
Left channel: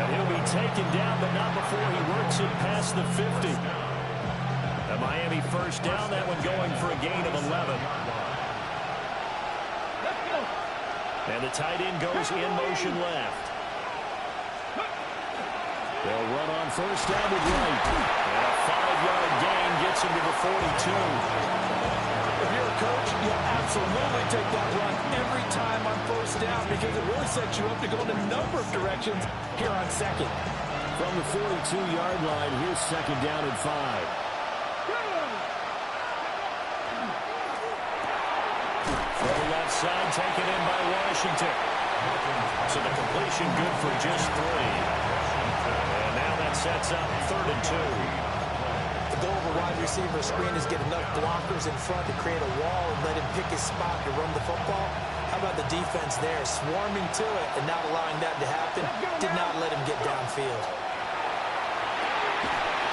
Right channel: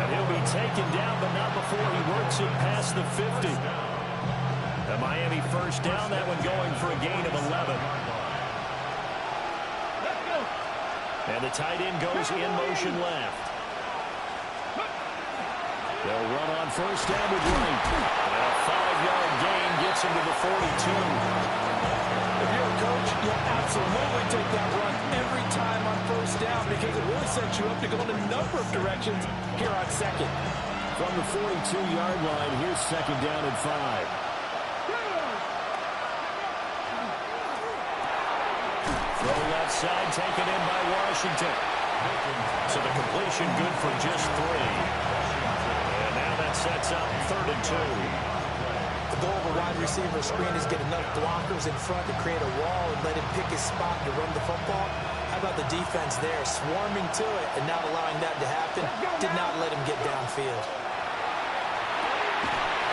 And he'll be taken down, but not before he works it past the 50. The Miami first down, that one going for a gain of 11. And the tight end goes in motion left. They'll run on first down with Wright. And a 5-yard gain gets him to the 42. If you're a coach, you'll absolutely take that run every time on first down because it really sets you up to go in a number of directions here on 2nd. From the 42-yard line, here's 2nd down and 5. Throw left side, taken in by Washington. So the completion good for just 3. And now that sets up 3rd and 2. The goal of a wide receiver screen is get enough blockers in front to create a wall and let him pick his spot to run the football. How about the defense there, swarming to it and not allowing that to happen? Did not let him get downfield.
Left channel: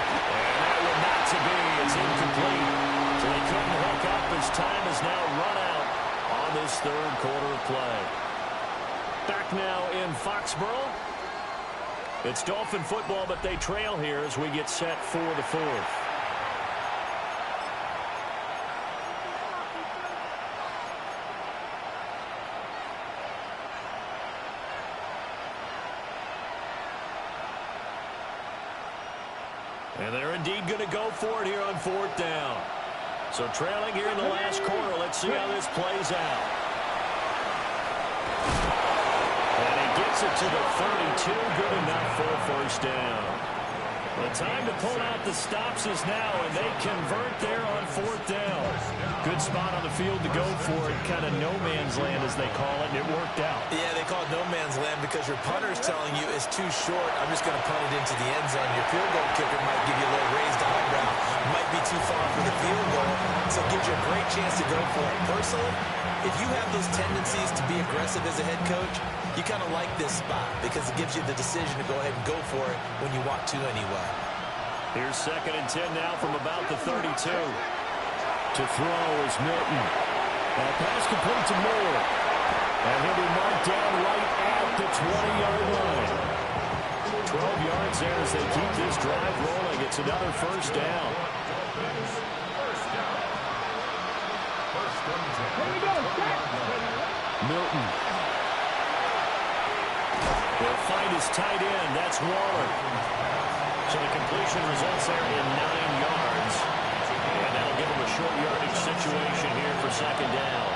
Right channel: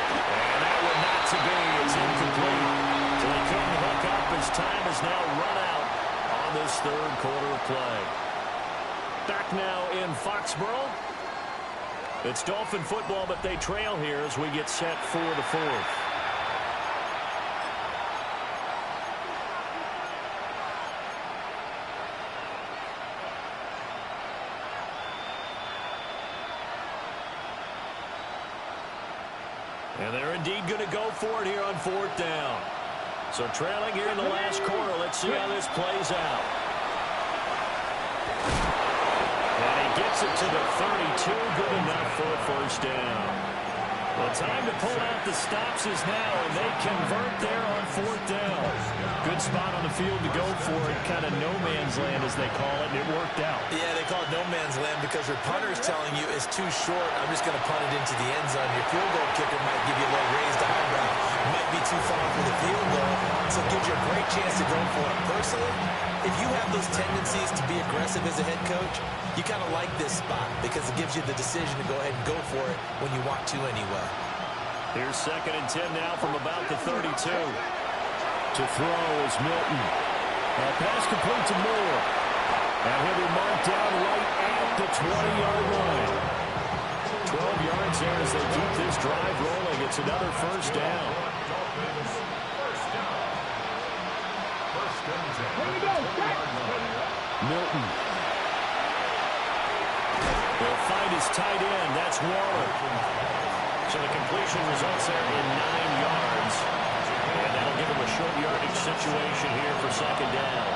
And that one not to be. It's incomplete. So they couldn't hook up as time has now run out on this third quarter of play. Back now in Foxborough. It's Dolphin football, but they trail here as we get set for the fourth. And they're indeed going to go for it here on fourth down. So trailing here in the last quarter. Let's see how this plays out. And he gets it to the 32. Good enough for a first down. The time to pull out the stops is now, and they convert there on fourth down. Good spot on the field to go for it. Kind of no man's land, as they call it, and it worked out. Yeah, they call it no man's land because your punter is telling you it's too short. I'm just going to punt it into the end zone. Your field goal kicker might give you a little raised eyebrow. Might be too far for the field goal, so it gives you a great chance to go for it. Personally, if you have those tendencies to be aggressive as a head coach, you kind of like this spot because it gives you the decision to go ahead and go for it when you want to anyway. Here's 2nd and 10 now from about the 32. To throw is Milton. That pass complete to Moore. And he'll be marked down right at the 20-yard line. 12 yards there as they keep this drive rolling. It's another first down. Milton. They'll find his tight end. That's Waller. So the completion results there in 9 yards. And that'll give him a short yardage situation here for second down.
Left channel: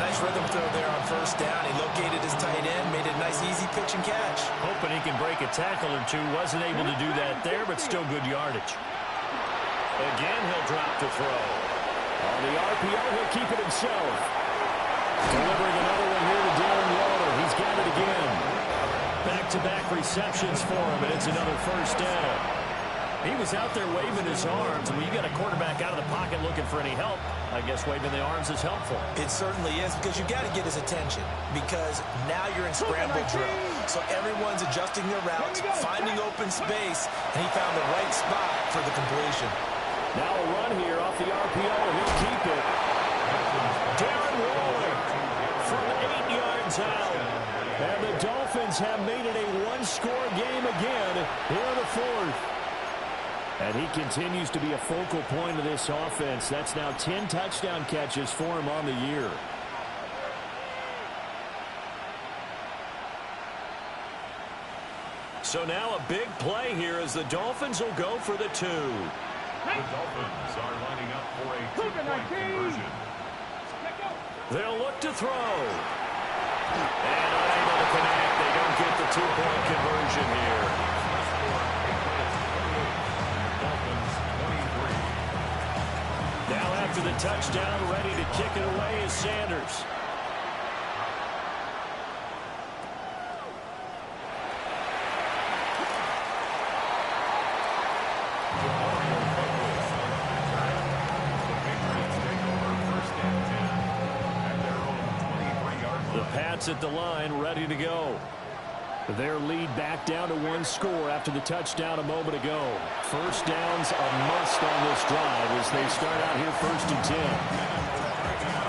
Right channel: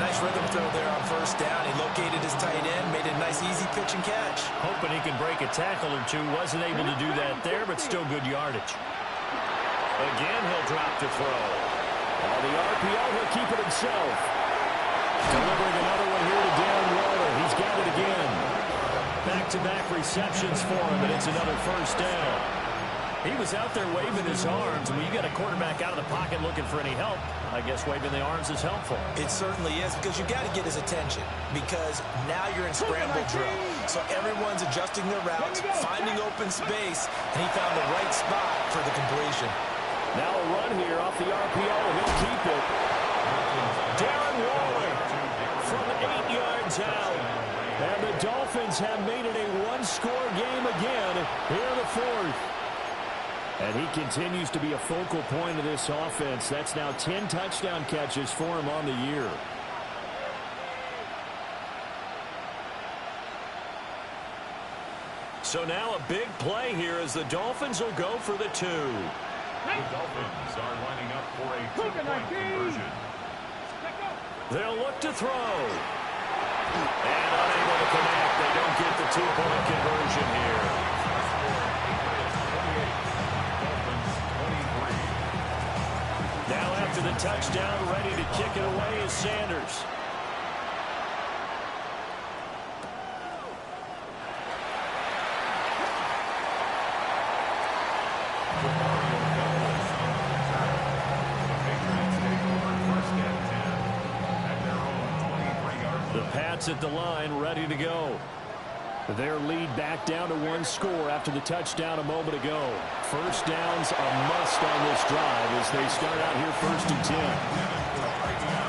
Nice rhythm throw there on first down. He located his tight end, made it a nice easy pitch and catch. Hoping he can break a tackle or two. Wasn't able to do that there, but still good yardage. Again, he'll drop to throw. On the RPO, he'll keep it himself. Delivering another one here to Darren Waller. He's got it again. Back-to-back receptions for him, and it's another first down. He was out there waving his arms. When you got a quarterback out of the pocket looking for any help, I guess waving the arms is helpful. It certainly is because you got to get his attention because now you're in scramble drill. So everyone's adjusting their routes, finding open space, and he found the right spot for the completion. Now a run here off the RPO. He'll keep it. Darren Waller from 8 yards out. And the Dolphins have made it a one-score game again here in the fourth. And he continues to be a focal point of this offense. That's now 10 touchdown catches for him on the year. So now a big play here as the Dolphins will go for the 2. The Dolphins are lining up for a two-point conversion. They'll look to throw. And unable to connect. They don't get the two-point conversion here. Now after the touchdown, ready to kick it away is Sanders. The Pats at the line, ready to go. Their lead back down to 1 score after the touchdown a moment ago. First down's a must on this drive as they start out here 1st and 10.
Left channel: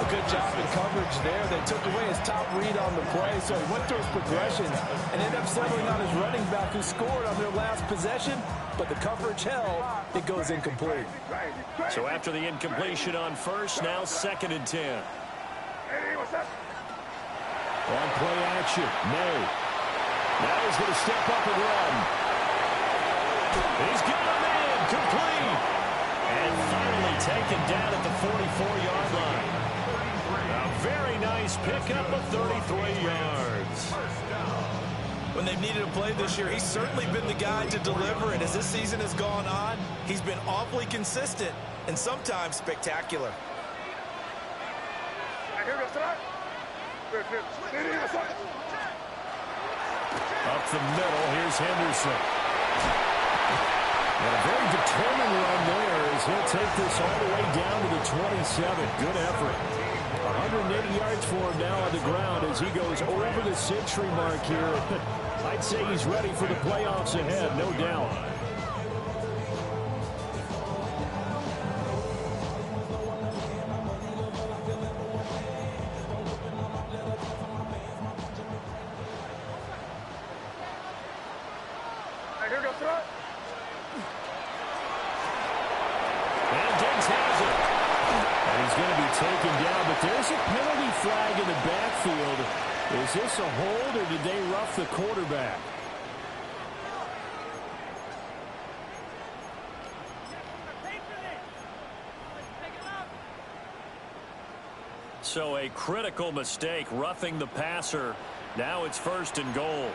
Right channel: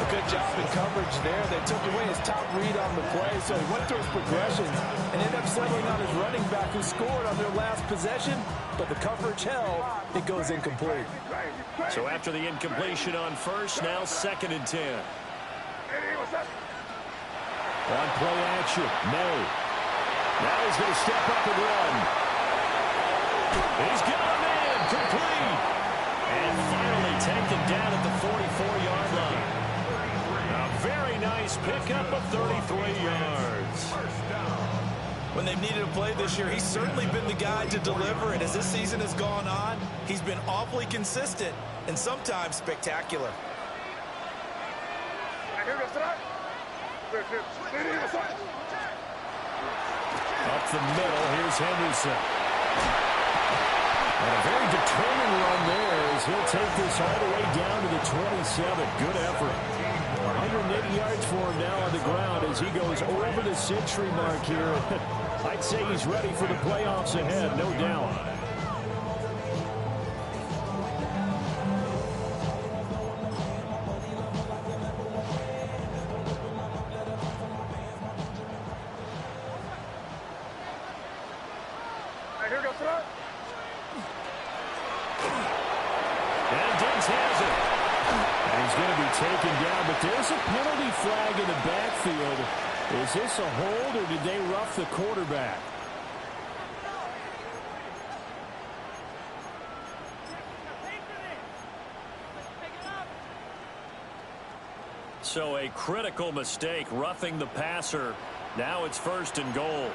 A good job in coverage there. They took away his top read on the play, so he went through his progressions and ended up settling on his running back who scored on their last possession, but the coverage held. It goes incomplete. So after the incompletion on first, now 2nd and 10. On play action, May. Now he's going to step up and run. He's got a man, complete. And finally taken down at the 44-yard line. A very nice pickup of 33 yards. When they've needed a play this year, he's certainly been the guy to deliver. And as this season has gone on, he's been awfully consistent and sometimes spectacular. Up the middle, here's Henderson. And a very determined run there as he'll take this all the way down to the 27. Good effort. 180 yards for him now on the ground as he goes over the century mark here. I'd say he's ready for the playoffs ahead, no doubt. Here goes it. And Diggs has it. And he's going to be taken down, but there's a penalty flag in the backfield. Is this a hold, or did they rough the quarterback? So a critical mistake, roughing the passer. Now it's 1st and goal.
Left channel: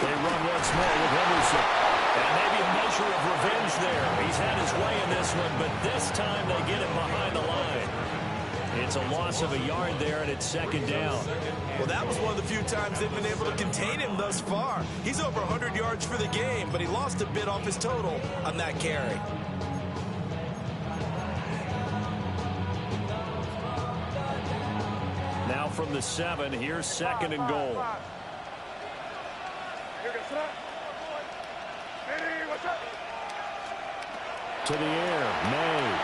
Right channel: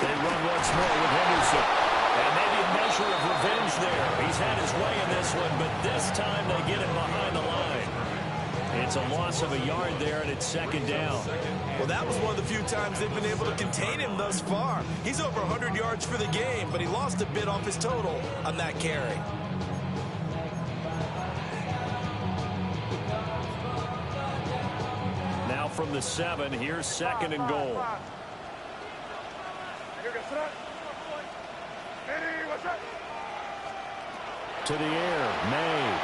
They run once more with Henderson. And maybe a measure of revenge there. He's had his way in this one, but this time they get him behind the line. It's a loss of a yard there, and it's 2nd down. Well, that was one of the few times they've been able to contain him thus far. He's over 100 yards for the game, but he lost a bit off his total on that carry. Now from the 7, here's 2nd and goal. To the air, May.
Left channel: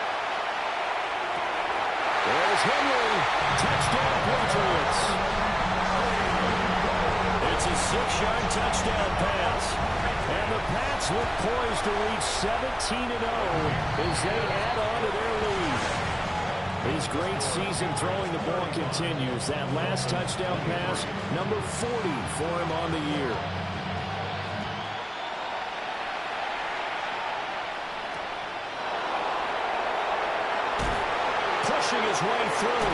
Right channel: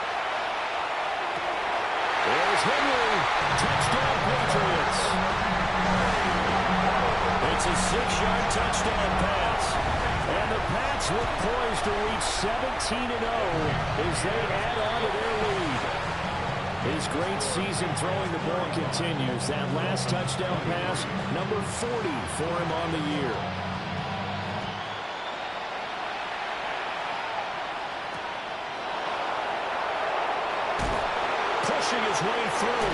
There's Henry. Touchdown, Patriots. It's a 6-yard touchdown pass. And the Pats look poised to reach 17-0 as they add on to their lead. His great season throwing the ball continues. That last touchdown pass, number 40 for him on the year. Pushing his way through.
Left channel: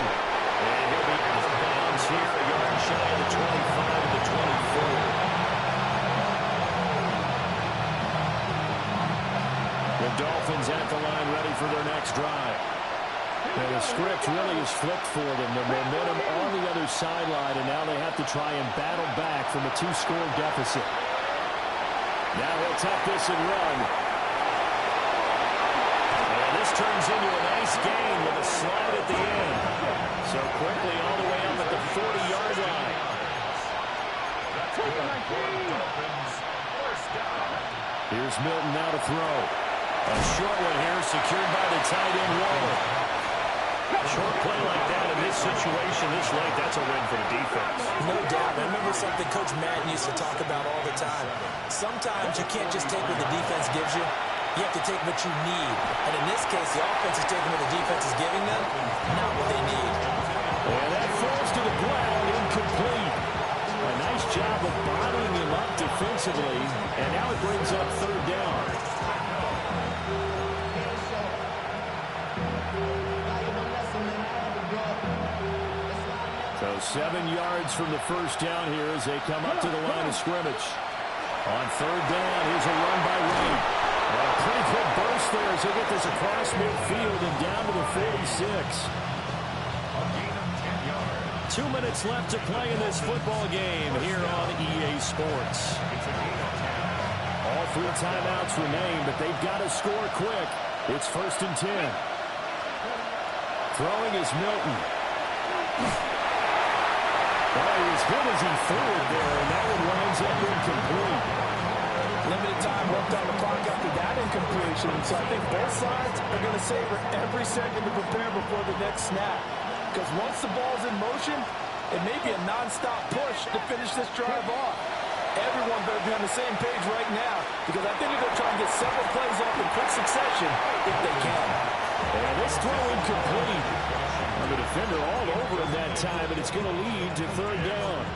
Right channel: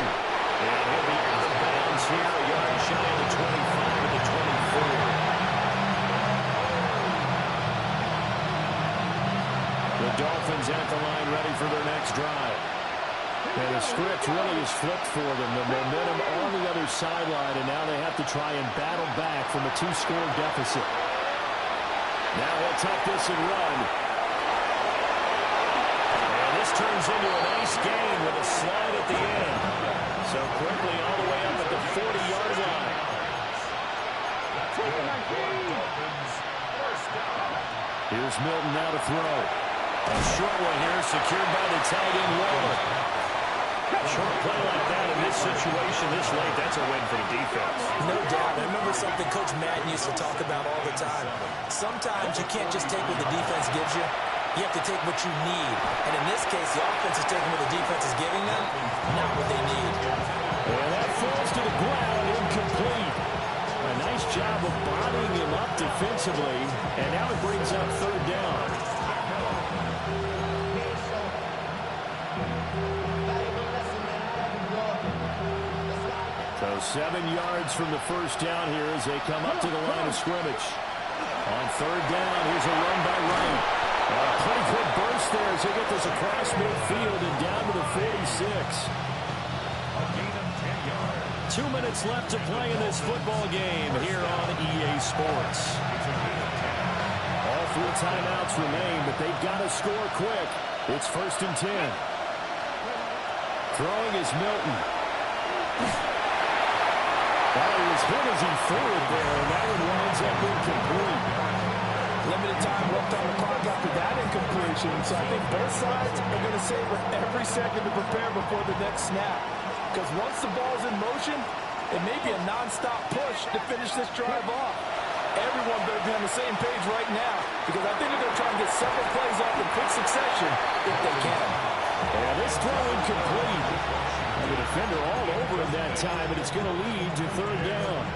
And he'll be out of bounds here, a yard shy of the 25 and the 24. The Dolphins at the line ready for their next drive. And the script really is flipped for them. The momentum on the other sideline, and now they have to try and battle back from a 2-score deficit. Now he'll tuck this and run. This turns into a nice gain with a slide at the end. So quickly all the way up at the 40-yard line. Here's Milton now to throw. A short one here secured by the tight end Waller. Short play like that in this situation this late, that's a win for the defense. No doubt. I remember something Coach Madden used to talk about all the time. Sometimes you can't just take what the defense gives you. You have to take what you need. And in this case, the offense is taking what the defense is giving them, not what they need. And that falls to the ground, incomplete. A nice job of bodying him up defensively. And now it brings up 3rd down. So 7 yards from the 1st down here as they come up to the line of scrimmage. On 3rd down, here's a run by Wright. And a pretty good burst there as they get this across midfield and down to the 46. A gain of 10 yards. 2 minutes left to play in this football game here on EA Sports. It's a gain of 10. All 3 timeouts remain, but they've got to score quick. It's 1st and 10. Throwing is Milton. Oh, he was hit as he threw it there, and that one winds up incomplete. Limited time left on the clock after that incompletion. So I think both sides are going to savor every second to prepare before the next snap. Because once the ball's in motion, it may be a nonstop push to finish this drive off. Everyone better be on the same page right now, because I think they're going to try and get several plays off in quick succession if they can. And this throw incomplete. And the defender all over him that time, and it's going to lead to 3rd down.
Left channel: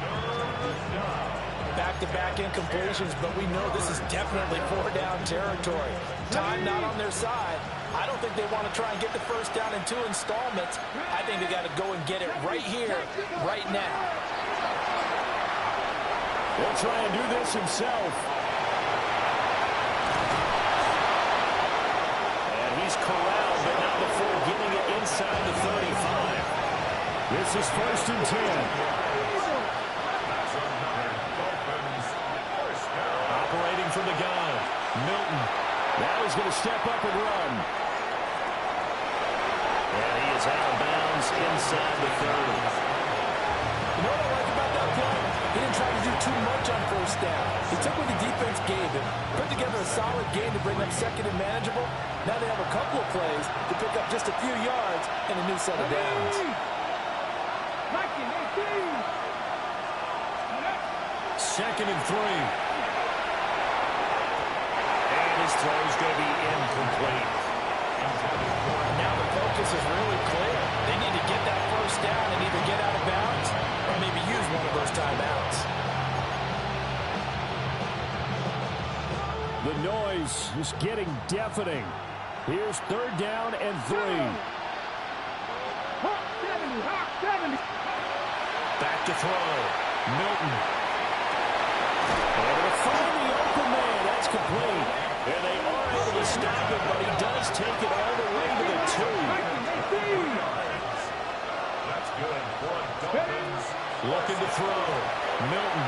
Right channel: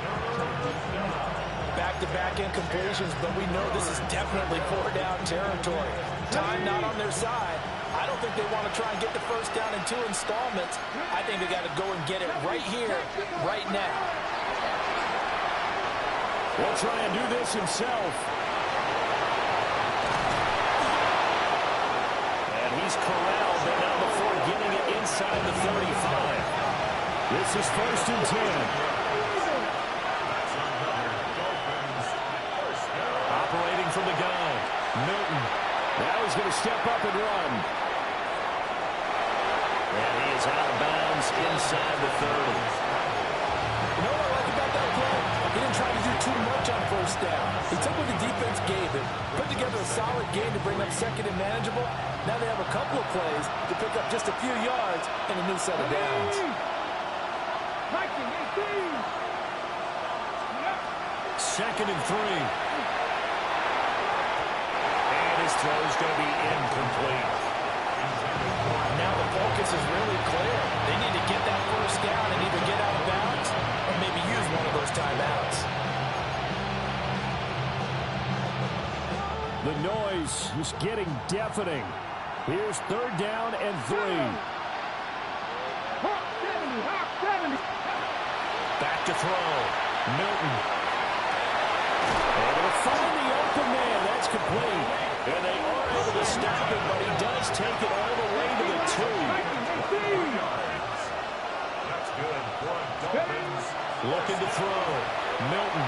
Back-to-back incompletions, but we know this is definitely 4-down territory. Time not on their side. I don't think they want to try and get the 1st down in 2 installments. I think they got to go and get it right here, right now. He'll try and do this himself. And he's corralled, but not before getting it inside the 35. This is 1st and 10. That's another Dolphins 1st down. from the gun. Milton. Now he's going to step up and run. And he is out of bounds inside the 30. You know what I like about that play? He didn't try to do too much on first down. He took what the defense gave him, put together a solid game to bring up second and manageable. Now they have a couple of plays to pick up just a few yards and a new set of downs. 19, 18. Second and 3. And his throw is going to be incomplete. Now the focus is really clear. They need to get that first down and either get out of bounds or maybe use one of those timeouts. The noise is getting deafening. Here's third down and 3. Hawk 70. Back to throw. Milton. Able to find the open man. That's complete. And they are able to stop it, but he does take it all the way to the 2. That's good for Dolphins. Looking to throw. Milton.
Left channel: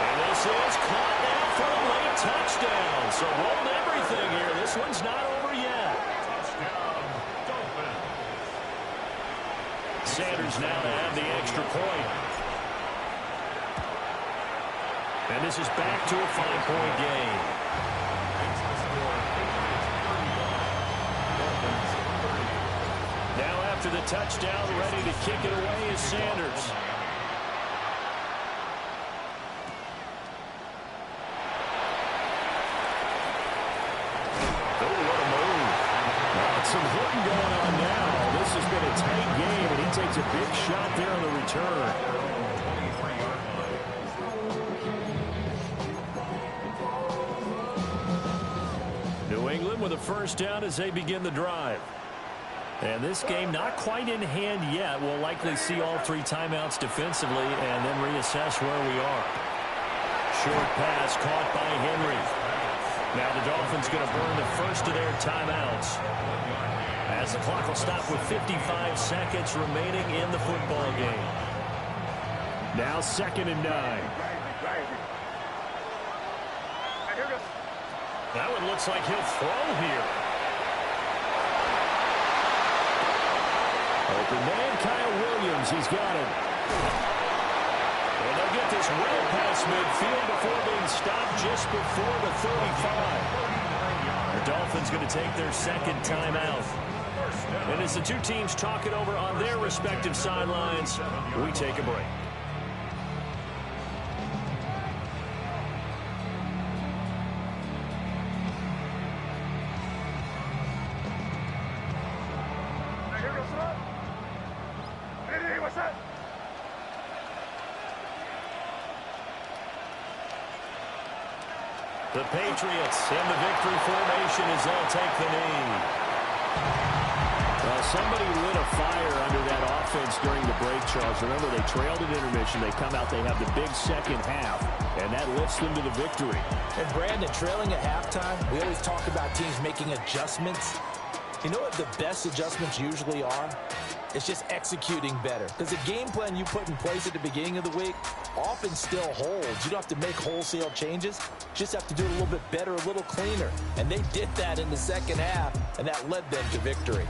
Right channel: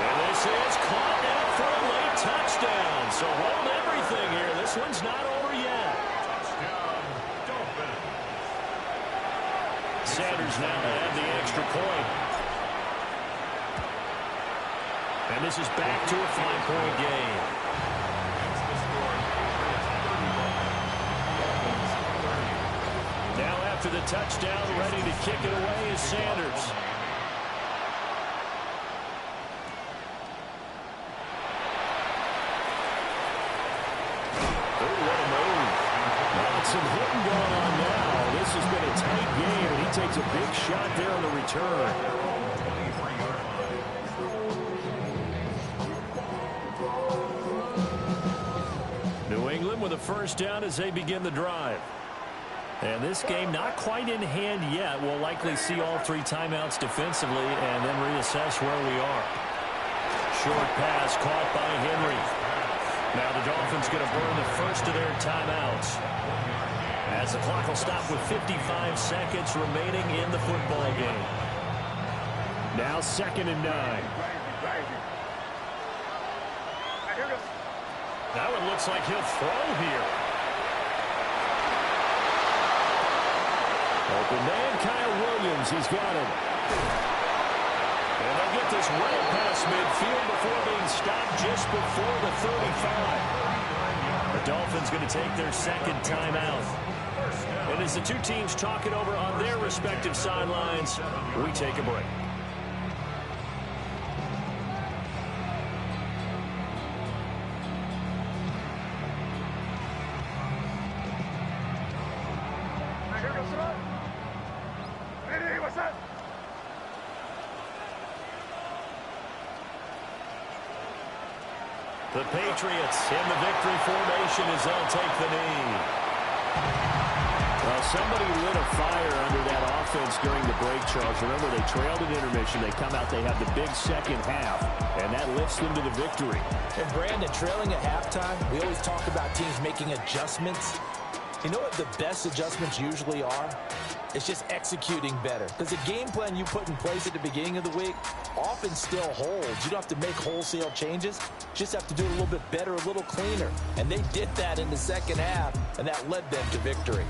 And this is caught now for a late touchdown. So hold everything here. This one's not over yet. Touchdown, Dolphins. Sanders now to have the extra point. And this is back to a 5-point game. It's the score, Patriots 31, Dolphins 30. Now after the touchdown, ready to kick it away is Sanders. Oh, what a move. Some hitting going on now. This has been a tight game, and he takes a big shot there on the return. 23-yard line. New England with a first down as they begin the drive. And this game not quite in hand yet. We'll likely see all 3 timeouts defensively and then reassess where we are. Short pass caught by Henry. Now the Dolphins going to burn the first of their timeouts as the clock will stop with 55 seconds remaining in the football game. Now 2nd and 9. That one looks like he'll throw here. Open man, Kyle Williams. He's got it. And they'll get this well past midfield before being stopped just before the 35. The Dolphins going to take their second timeout. And as the two teams talk it over on their respective sidelines, we take a break. The Patriots in the victory formation as they'll take the knee. Well, somebody lit a fire under that offense during the break, Charles. Remember, they trailed at intermission. They come out, they have the big second half, and that lifts them to the victory. And Brandon, trailing at halftime, we always talk about teams making adjustments. You know what the best adjustments usually are? It's just executing better. Because the game plan you put in place at the beginning of the week often still holds. You don't have to make wholesale changes. You just have to do it a little bit better, a little cleaner. And they did that in the second half, and that led them to victory.